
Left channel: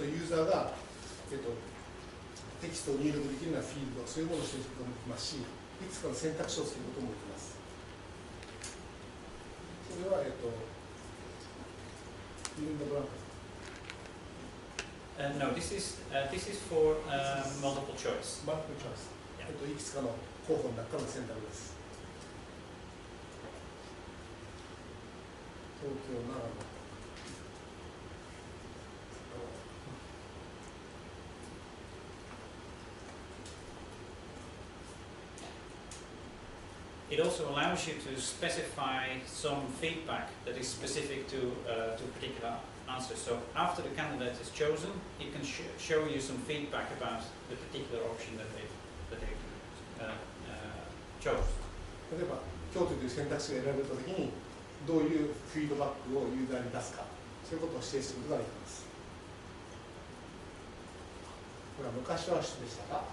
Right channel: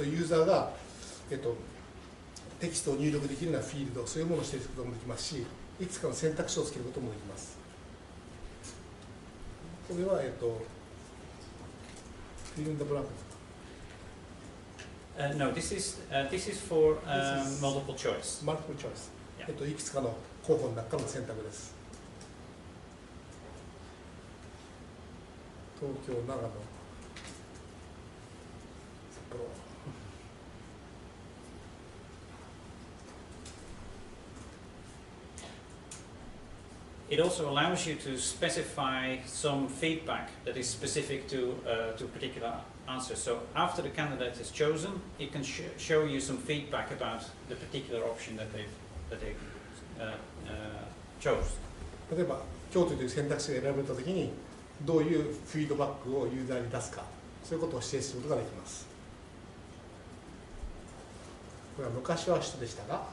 ユーザーが、テキストを入力できるようなフィールド、そういうものをしていくこともできますし、いくつかの選択肢をつけることもできます。これは、fill in the blank. No, this is for multiple choice. Multiple choice. Yeah. いくつかの候補の中の選択です。東京、長野、札幌。It also allows you to specify some feedback that is specific to a particular answer. So after the candidate is chosen, it can show you some feedback about the particular option that they chose. 例えば、京都という選択肢が選ばれたときに、どういうフィードバックをユーザーに出すか、そういうことを指定することができます。これは昔は首都でしたが、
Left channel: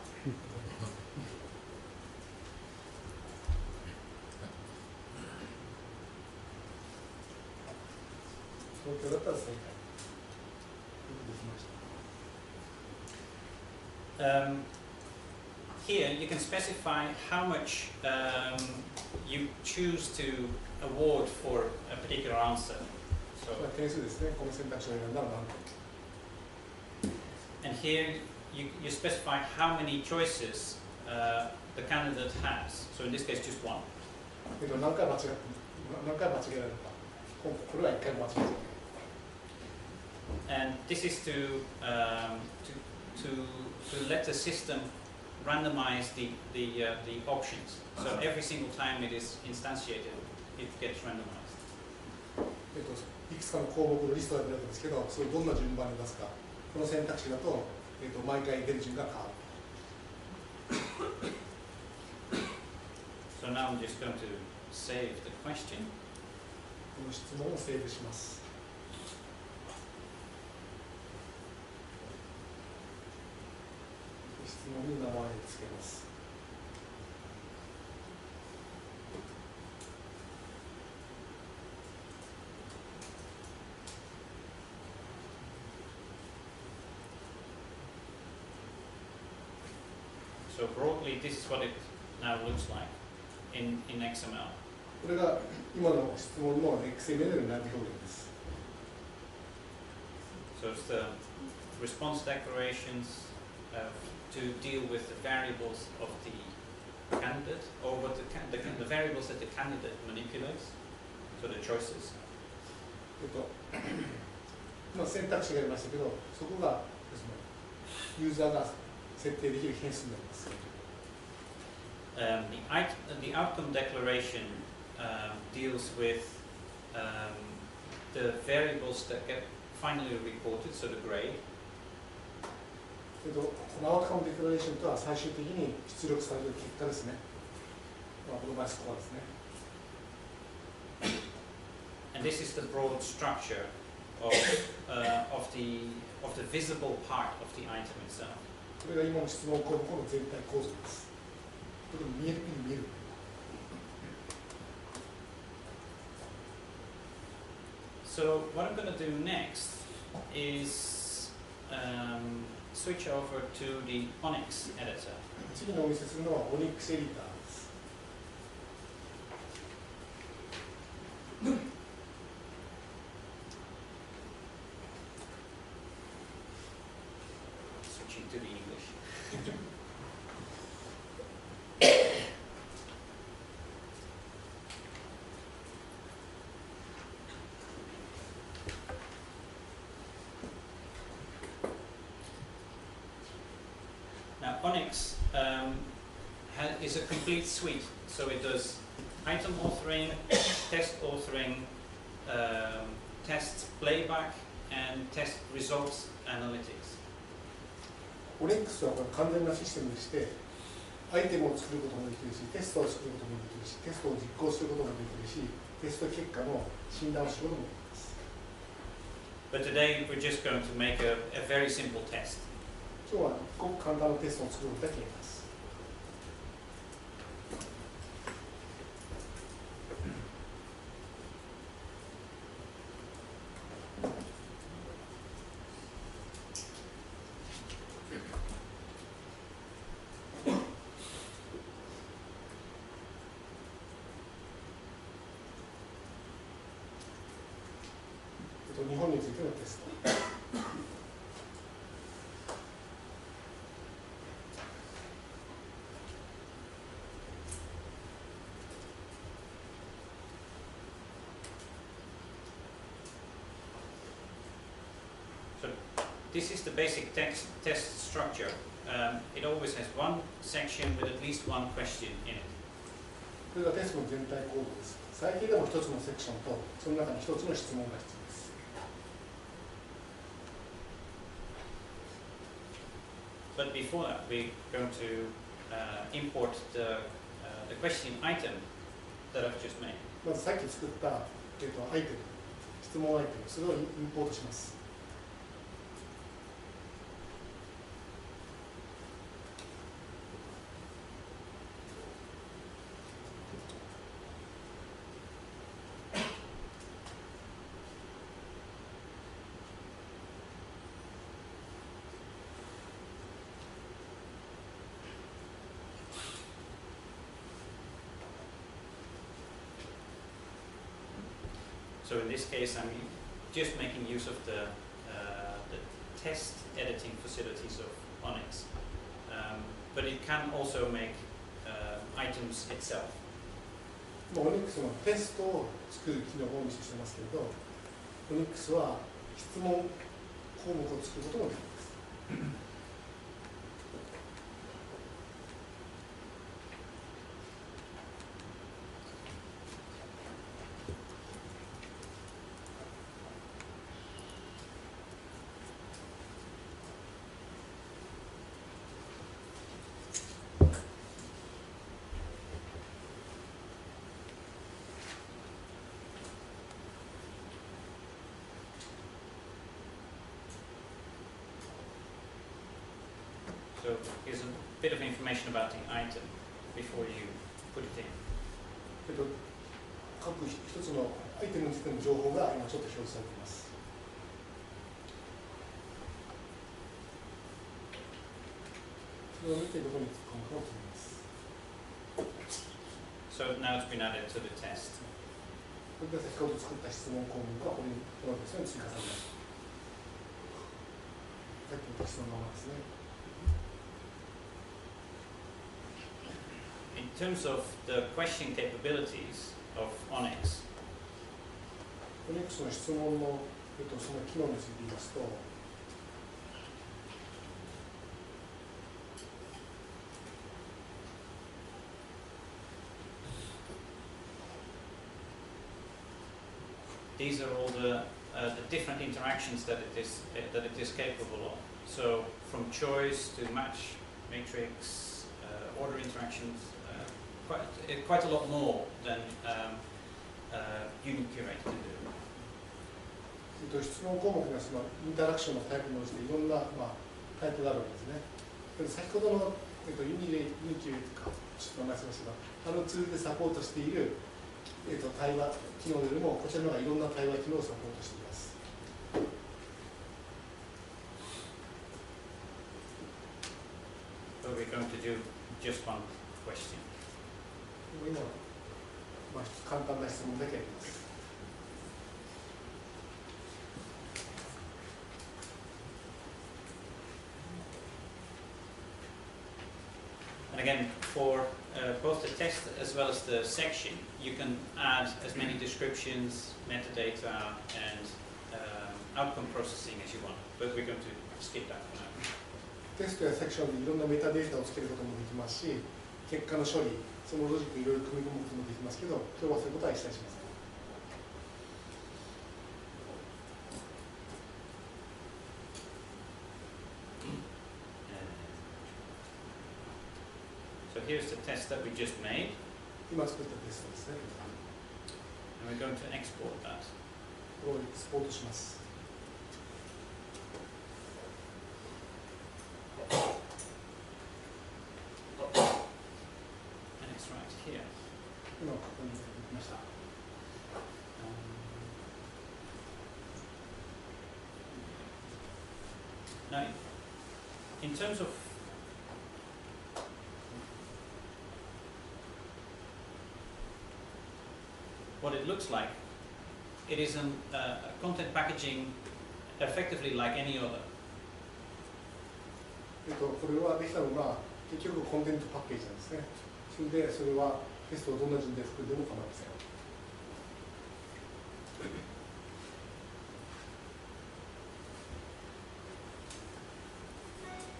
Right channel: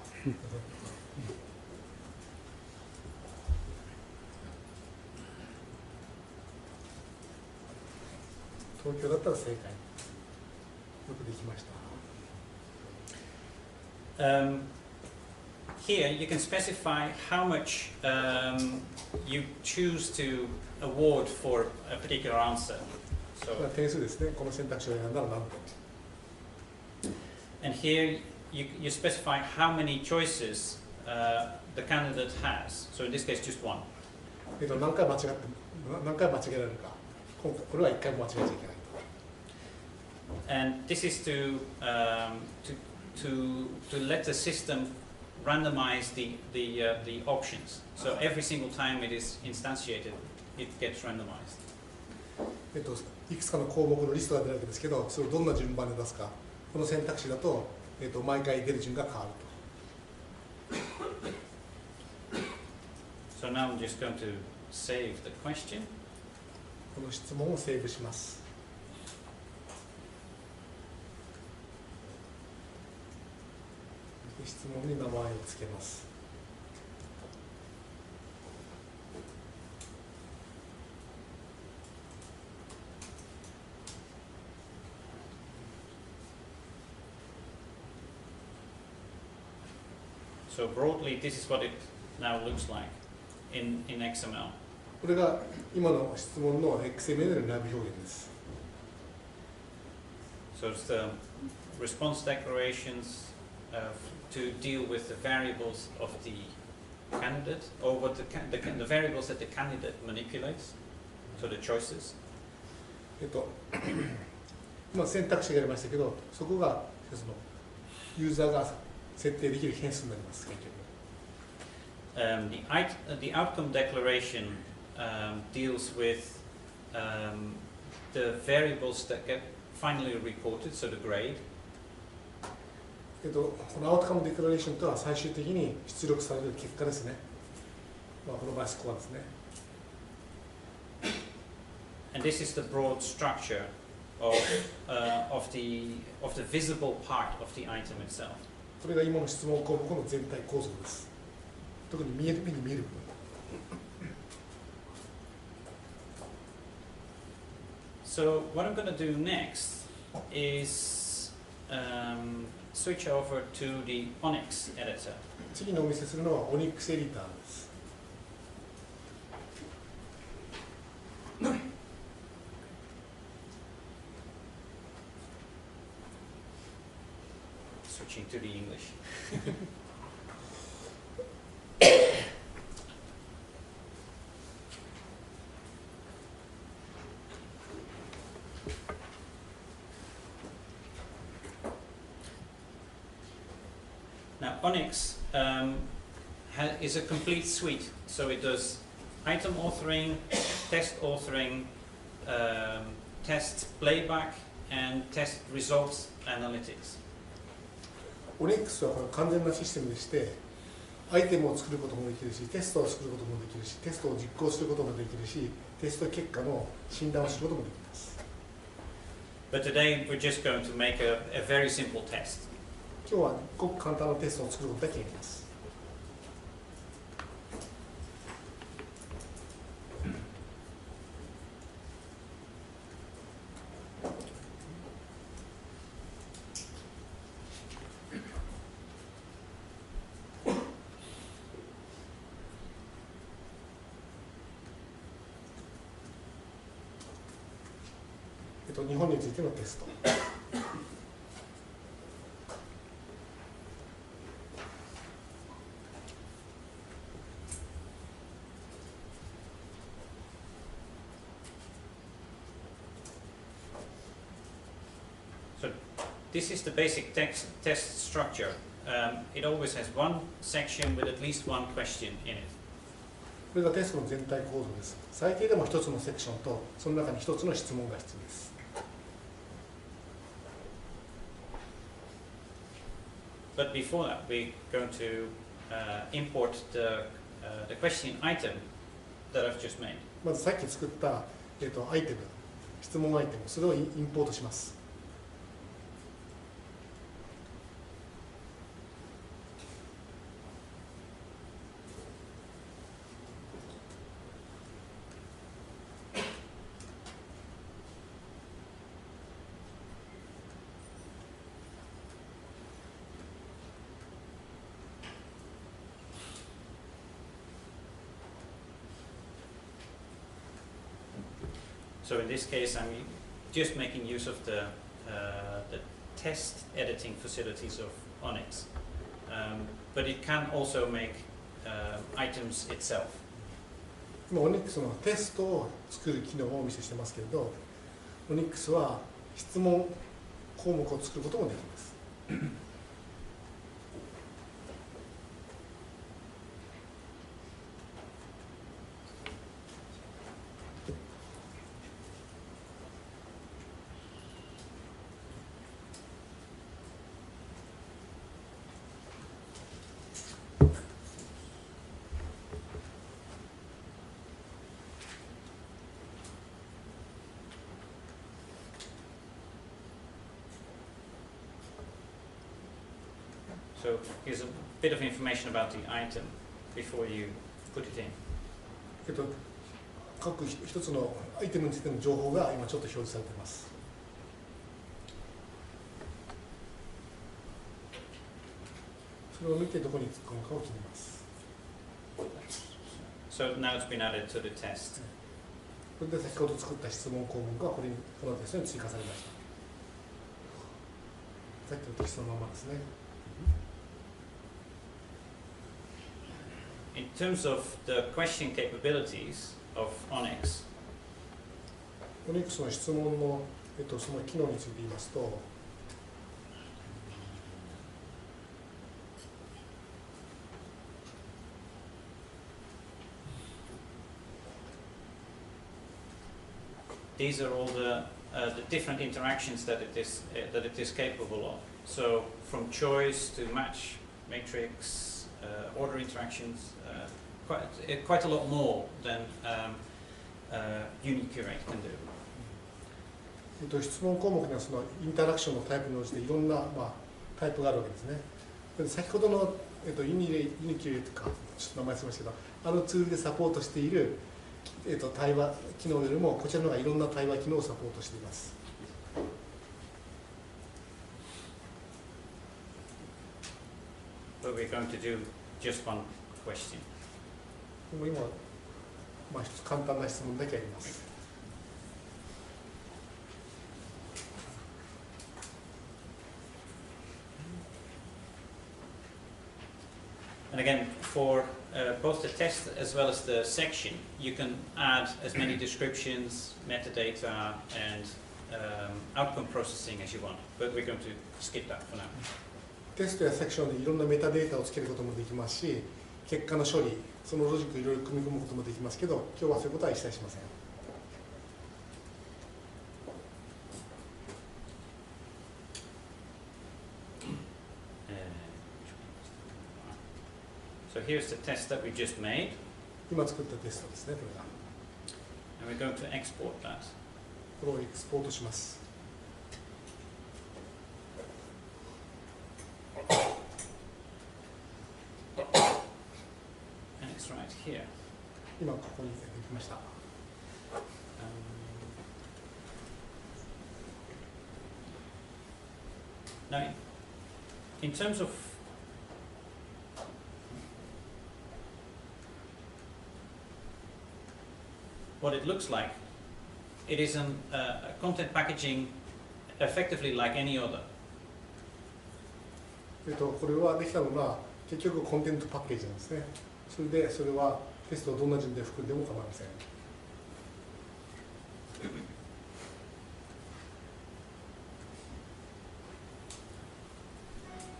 東京だったら正解。よくできました。Here you can specify how much you choose to award for a particular answer. これは点数ですね。この選択肢を選んだら何点。And here you specify how many choices the candidate has. So in this case, just one. 何回間違えられるか。これは1回も間違えちゃいけない。And this is to let the system randomize the options. So every single time it is instantiated, it gets randomized. いくつかの項目のリストが出るわけですけど、それをどんな順番で出すか。この選択肢だと毎回出る順が変わると。So now I'm just going to save the question. この質問をセーブします。質問に名前を付けます。So broadly, this is what it now looks like in XML. これが今の質問の XML の内部表現です。So it's the response declarations to deal with the variables of the candidate, or what the variables that the candidate manipulates, so the choices. 今選択肢がありましたけど、そこがそのユーザーが設定できる変数になります。The outcome declaration deals with the variables that get finally reported, so the grade. このアウトカムデクラレーションとは最終的に出力される結果ですね。この場合スコアですね。And this is the broad structure of the visible part of the item itself. これが今の質問項目の全体構造です。特に目に見える部分。So what I'm going to do next is switch over to the Onyx editor. 次のお見せするのは Onyx エディターです。Switching to the English. Now, Onyx is a complete suite, so it does item authoring, test authoring, test playback, and test results analytics. Onyx は完全なシステムでして、アイテムを作ることもできるし、テストを作ることもできるし、テストを実行することもできるし、テスト結果の診断をすることもできます。But today we're just going to make a very simple test. 今日はごく簡単なテストを作ることだけやります。日本についてのテスト。So this is the basic test structure. It always has one section with at least one question in it. これがテストの全体構造です。最低でも一つのセクションとその中に一つの質問が必要です。But before that, we're going to import the question item that I've just made. まずさっき作ったアイテム、質問アイテム、それをインポートします。So in this case, I'm just making use of the test editing facilities of Onyx, but it can also make items itself. 今 Onyx のテストを作る機能をお見せしてますけれど、Onyx は質問項目を作ることもできます。So here's a bit of information about the item before you put it in. 各一つのアイテムについての情報が今ちょっと表示されています。それを見てどこに突っ込むかを決めます。So now it's been added to the test. これで先ほど作った質問項目がこのテストに追加されました。さっきのテキストのままですね。In terms of the question capabilities of ONIX, ONIX の質問の、その機能について言いますと、these are all the different interactions that it is capable of. So from choice to match, matrix, order interactions, quite a lot more than UniCurate can do. 質問項目にはそのインタラクションのタイプに応じていろんな、タイプがあるわけですね。先ほどの、UniCurate かちょっと名前忘れましたけど、あのツールでサポートしている対話機能よりもこちらの方がいろんな対話機能をサポートしています。But we're going to do just one question. でも今、簡単な質問だけあります。And again, for both the test as well as the section, you can add as many descriptions, metadata, and outcome processing as you want. But we're going to skip that for now. テストやセクションでいろんなメタデータをつけることもできますし、結果の処理、そのロジックをいろいろ組み込むこともできますけど、今日はそういうことは一切しません。So here's the test that we just made. 今作ったテストですね。And we're going to export that. これをエクスポートします。And it's right here. 今ここに出てきました。Now, in terms of what it looks like, it is a content packaging effectively like any other. これはできたのが結局コンテンツパッケージなんですね。それはテストをどんな順で含んでも構いません。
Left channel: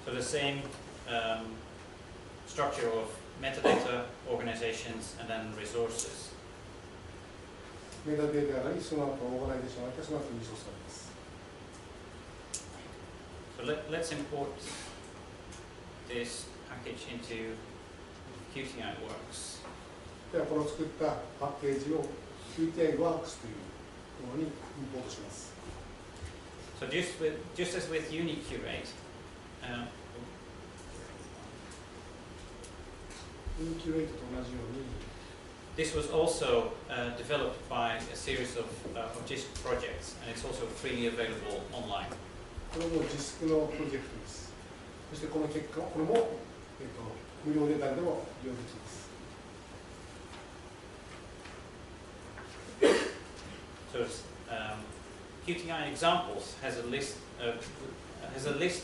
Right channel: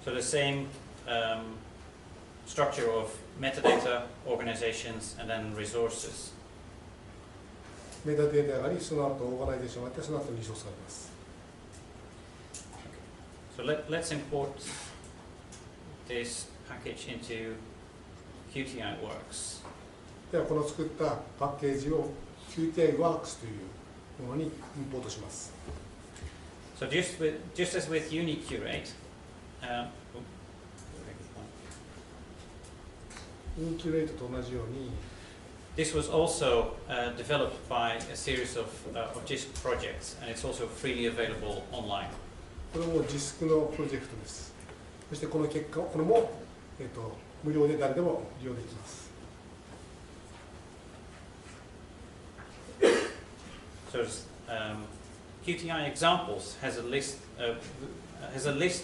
So the same structure of metadata, organizations, and then resources. メタデータがあり、その後オーガナイゼーションがあって、その後リソースがあります。So let's import this package into QTI Works. ではこの作ったパッケージを QTI Works というものにインポートします。So just as with UniCurate, UniCurate と同じように、this was also developed by a series of JISC projects, and it's also freely available online. これもJISCのプロジェクトです。そしてこの結果、これも、無料で誰でも利用できます。So QTI examples has a list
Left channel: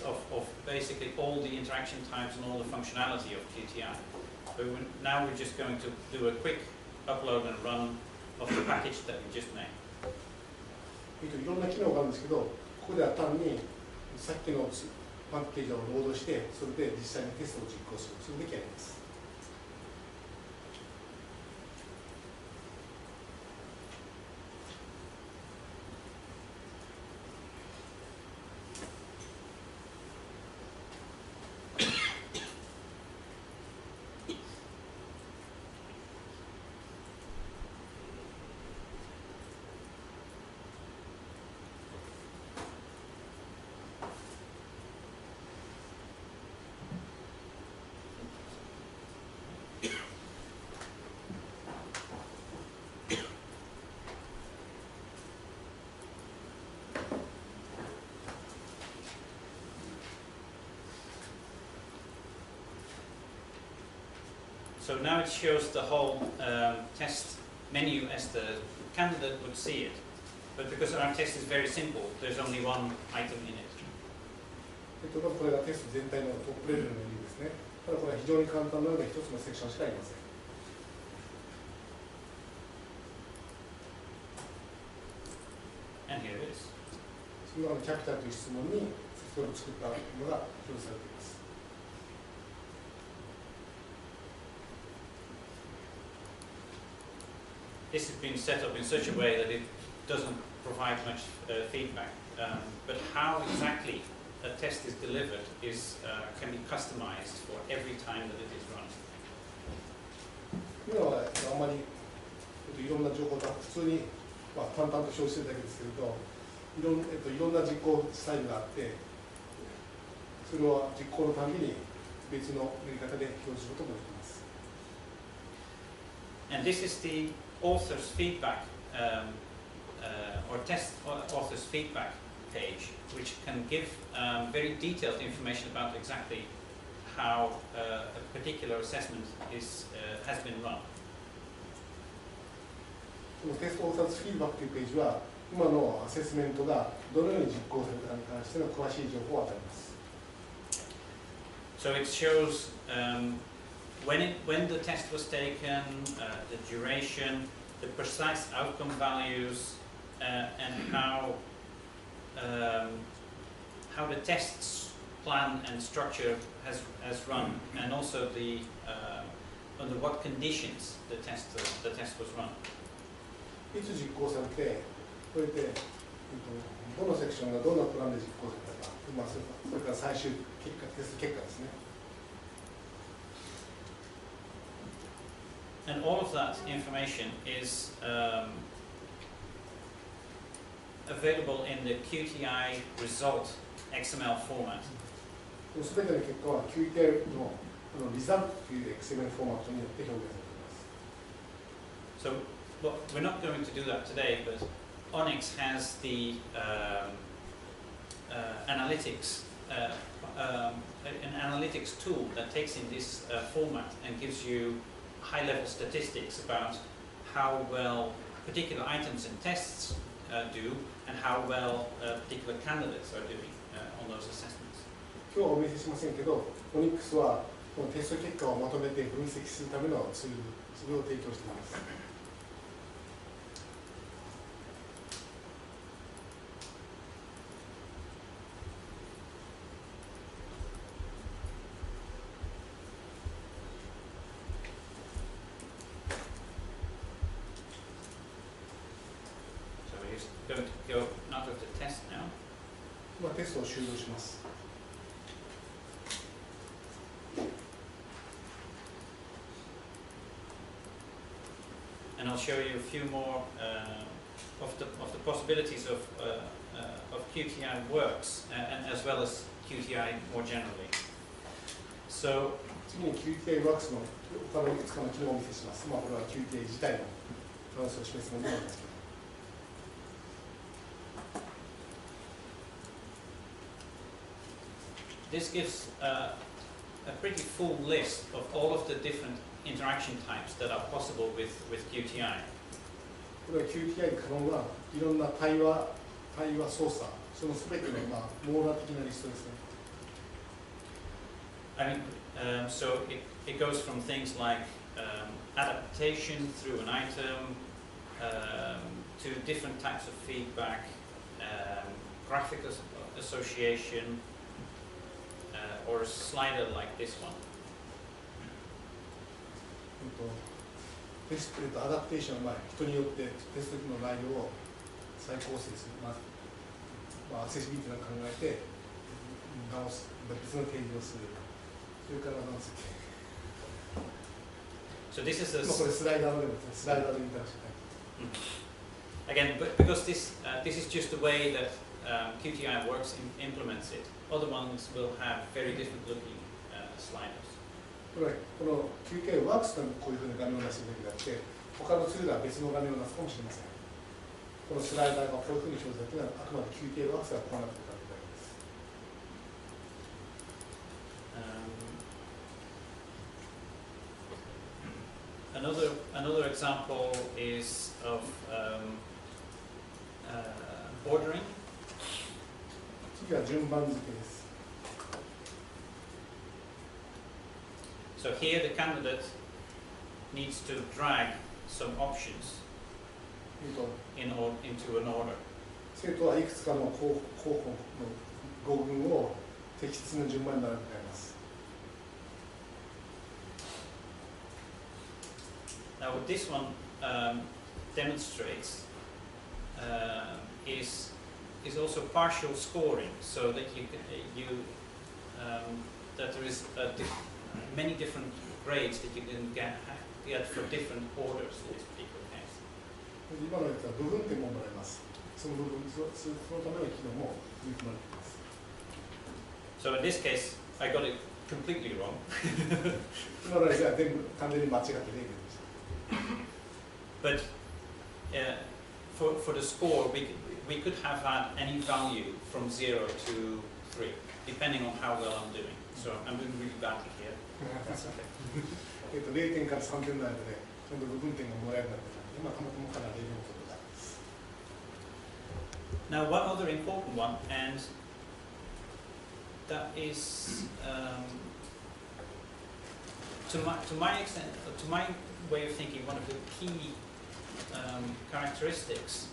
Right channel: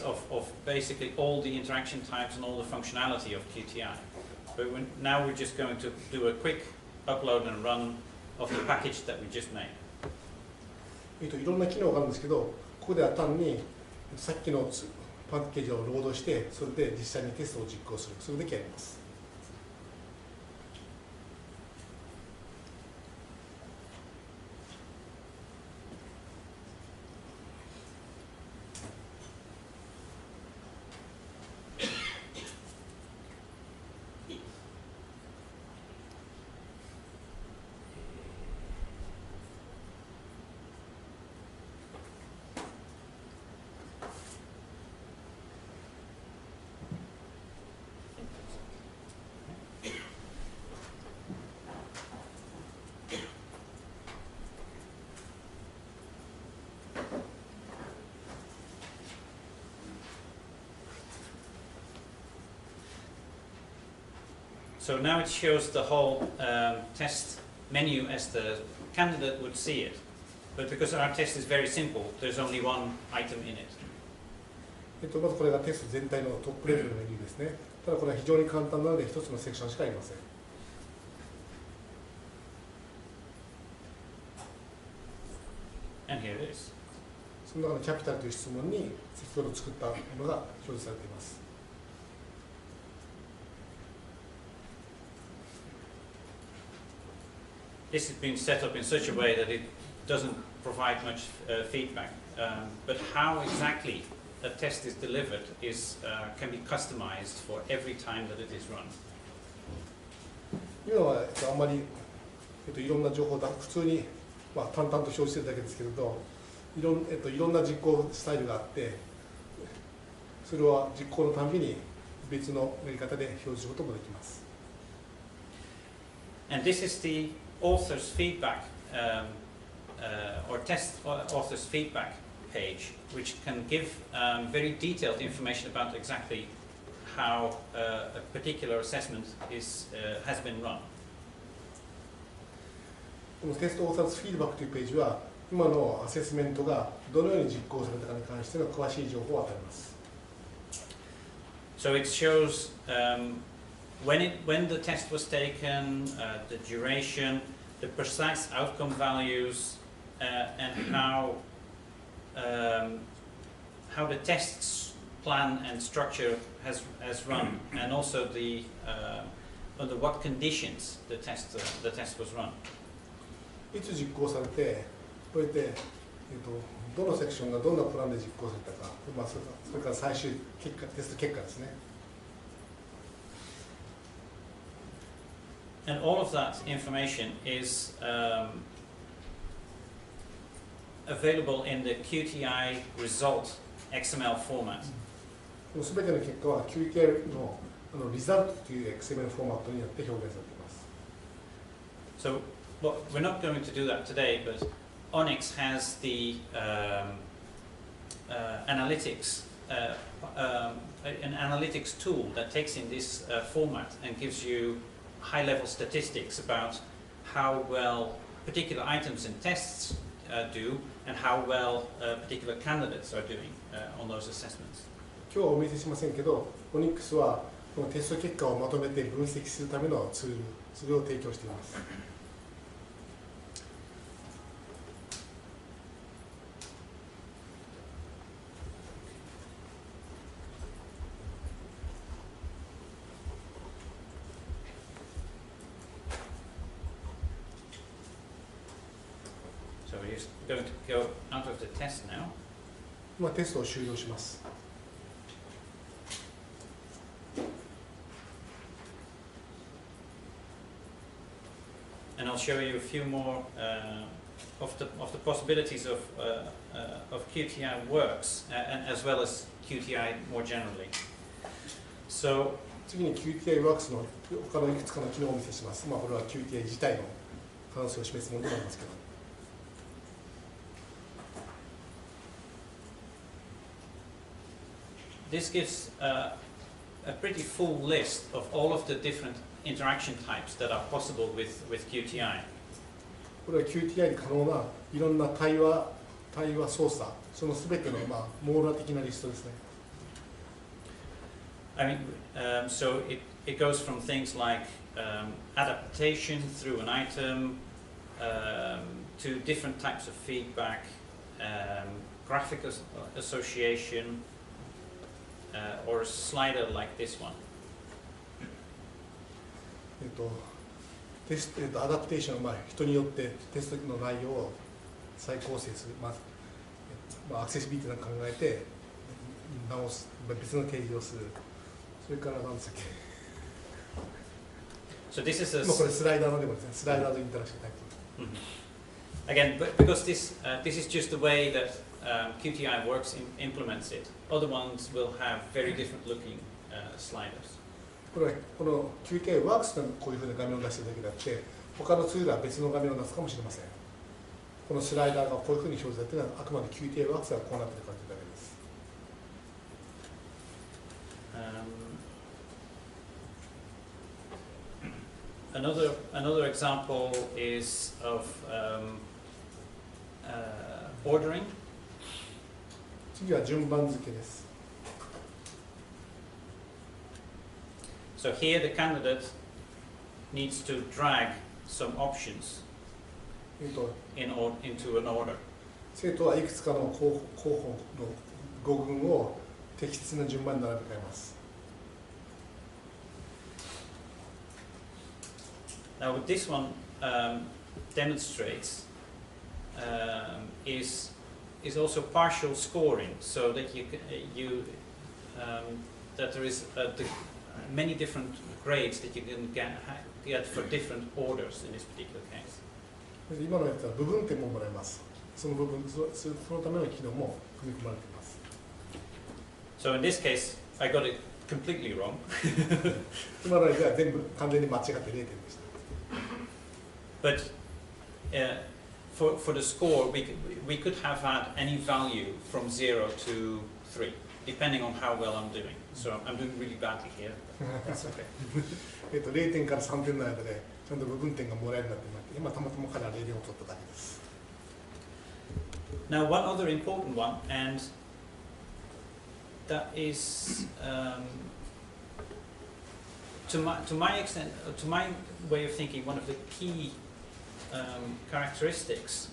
of basically all the interaction types and all the functionality of QTI. But now we're just going to do a quick upload and run of the package that we just made. いろんな機能があるんですけど、ここでは単にさっきのパッケージをロードして、それで実際にテストを実行する、それだけやります。So now it shows the whole test menu as the candidate would see it. But because our test is very simple, there's only one item in it. まずこれがテスト全体のトップレベルのメニューですね。ただこれは非常に簡単なので一つのセクションしかありません。And here it is. その中のキャピタルという質問に先ほど作ったものが表示されています。This has been set up in such a way that it doesn't provide much feedback. But how exactly a test is delivered can be customized for every time that it is run. 今はあんまりいろんな情報を普通に淡々と表示してるだけですけれど、いろんな実行スタイルがあって、それは実行のたびに別のやり方で表示することもできます。And this is the author's feedback or test author's feedback page, which can give very detailed information about exactly how a particular assessment has been run. このテストオーサーズフィードバックというページは、今のアセスメントがどのように実行されたかに関しての詳しい情報を与えます。So it shows when the test was taken, the duration, the precise outcome values, and how the test's plan and structure has run, and also under what conditions the test was run. いつ実行されて、これで、どのセクションがどんなプランで実行されたか、それから最終結果、テスト結果ですね。And all of that information is available in the QTI result XML format. すべての結果は QTI のリザルトという XML フォーマットによって表現されています。So, well, we're not going to do that today, but Onyx has the analytics, an analytics tool that takes in this format and gives you high-level statistics about how well particular items and tests do and how well particular candidates are doing on those assessments. 今日はお見せしませんけど、Onyx はこのテスト結果をまとめて分析するためのツール、それを提供しています。So we're just going to go out of the test now. 今テストを終了します。And I'll show you a few more of the possibilities of QTI works, and as well as QTI more generally. So 次に QTI ワークスの他のいくつかの機能をお見せします。これは QTI 自体の可能性を示すものなんですけど。This gives a pretty full list of all of the different interaction types that are possible with QTI. これは QTI に可能ないろんな対話操作、そのすべての網羅的なリストですね。I mean, so it goes from things like adaptation through an item to different types of feedback, graphic association, or a slider like this one. アダプテーションは人によってテストの内容を再構成する、アクセシビリティを考えて直す、別の提示をする、それから何ですか。So this is a これスライダーのでもですね、スライダーのインタラクションタイプ。Again, because this is just the way that QTI works implements it. Other ones will have very different looking sliders. この QTI ワークスがこういうふうな画面を出しているだけであって、他のツールは別の画面を出すかもしれません。このスライダーがこういうふうに表示されているのはあくまで QTI ワークスがこうなっているかというだけです。another example is of ordering. 次は順番付けです。 So here the candidate needs to drag some options into an order. 生徒はいくつかの候補の語群を適切な順番に並べ替えます。 Now what this one demonstrates is also partial scoring, so that that there is many different grades that you can get for different orders in this particular case. 今のやつは部分点ももらえます。そのための機能も組み込まれています。 So in this case, I got it completely wrong. 今のやつは全部完全に間違って0点でした。 But for the score, we could have had any value from 0 to 3, depending on how well I'm doing. So I'm doing really badly here. That's okay. 0点から3点の間でちゃんと部分点がもらえるようになって今たまたまから0点を取っただけです。 Now one other important one, and that is to my extent, to my way of thinking, one of the key characteristics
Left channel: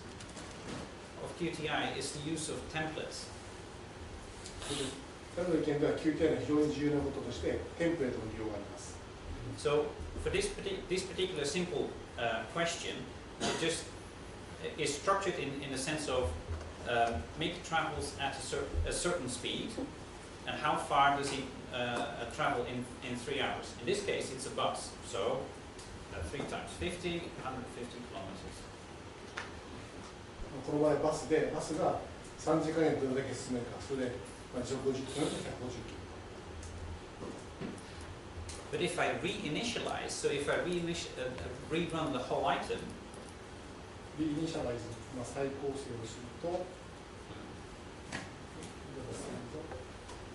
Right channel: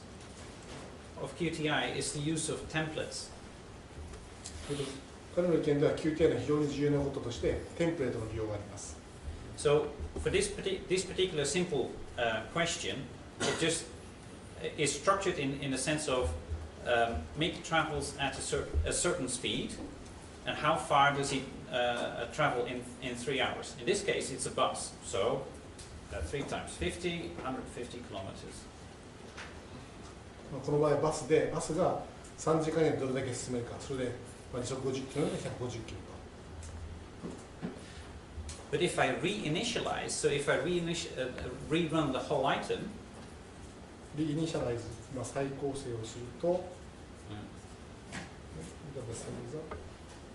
of QTI is the use of templates. 彼の意見では QTI の非常に重要なこととしてテンプレートの利用があります。 So for this particular simple question, it just is structured in the sense of make travels at a certain speed, and how far does he travel in 3 hours? In this case, it's a bus, so 3 times 50, 150 kilometers. この場合バスでバスが3時間でどれだけ進めるか、それで時速50キロで150キロ。 But if I reinitialize, so if I rerun the whole item, リイニシャライズ、再構成をすると、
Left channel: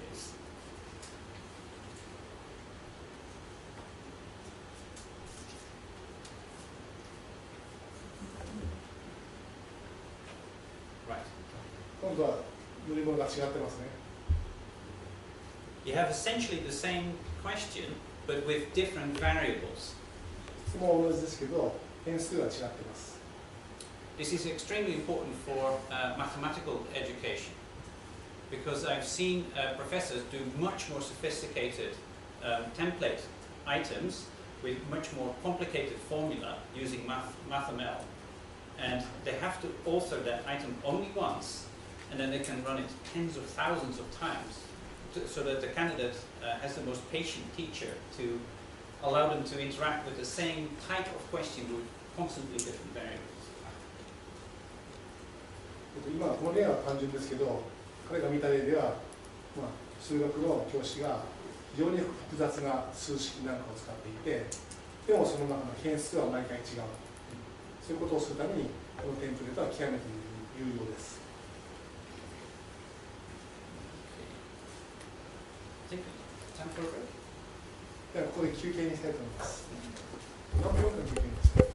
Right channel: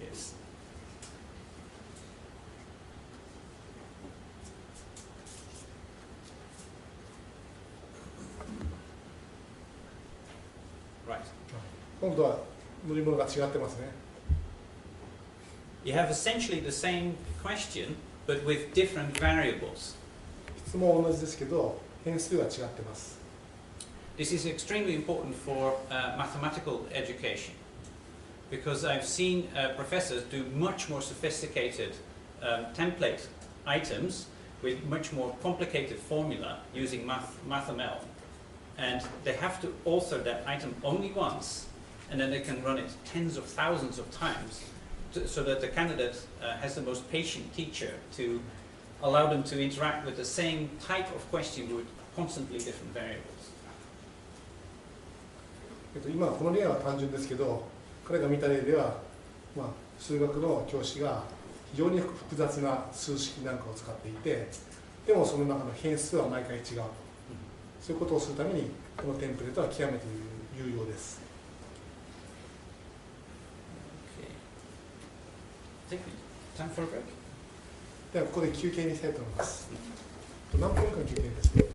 yes. Right. 今度は乗り物が違ってますね。 You have essentially the same question, but with different variables. 質問は同じですけど、変数が違ってます。 This is extremely important for mathematical education, because I've seen professors do much more sophisticated template items with much more complicated formula using MathML, and they have to alter that item only once, and then they can run it tens of thousands of times, so that the candidate has the most patient teacher to allow them to interact with the same type of question with constantly different variables. 今この例は単純ですけど、彼が見た例では、数学の教師が非常に複雑な数式なんかを使っていて、でもその中の変数は毎回違う。そういうことをするためにこのテンプレートは極めて有用です。Time for a break? ではここで休憩にしたいと思います。何分間休憩ですか？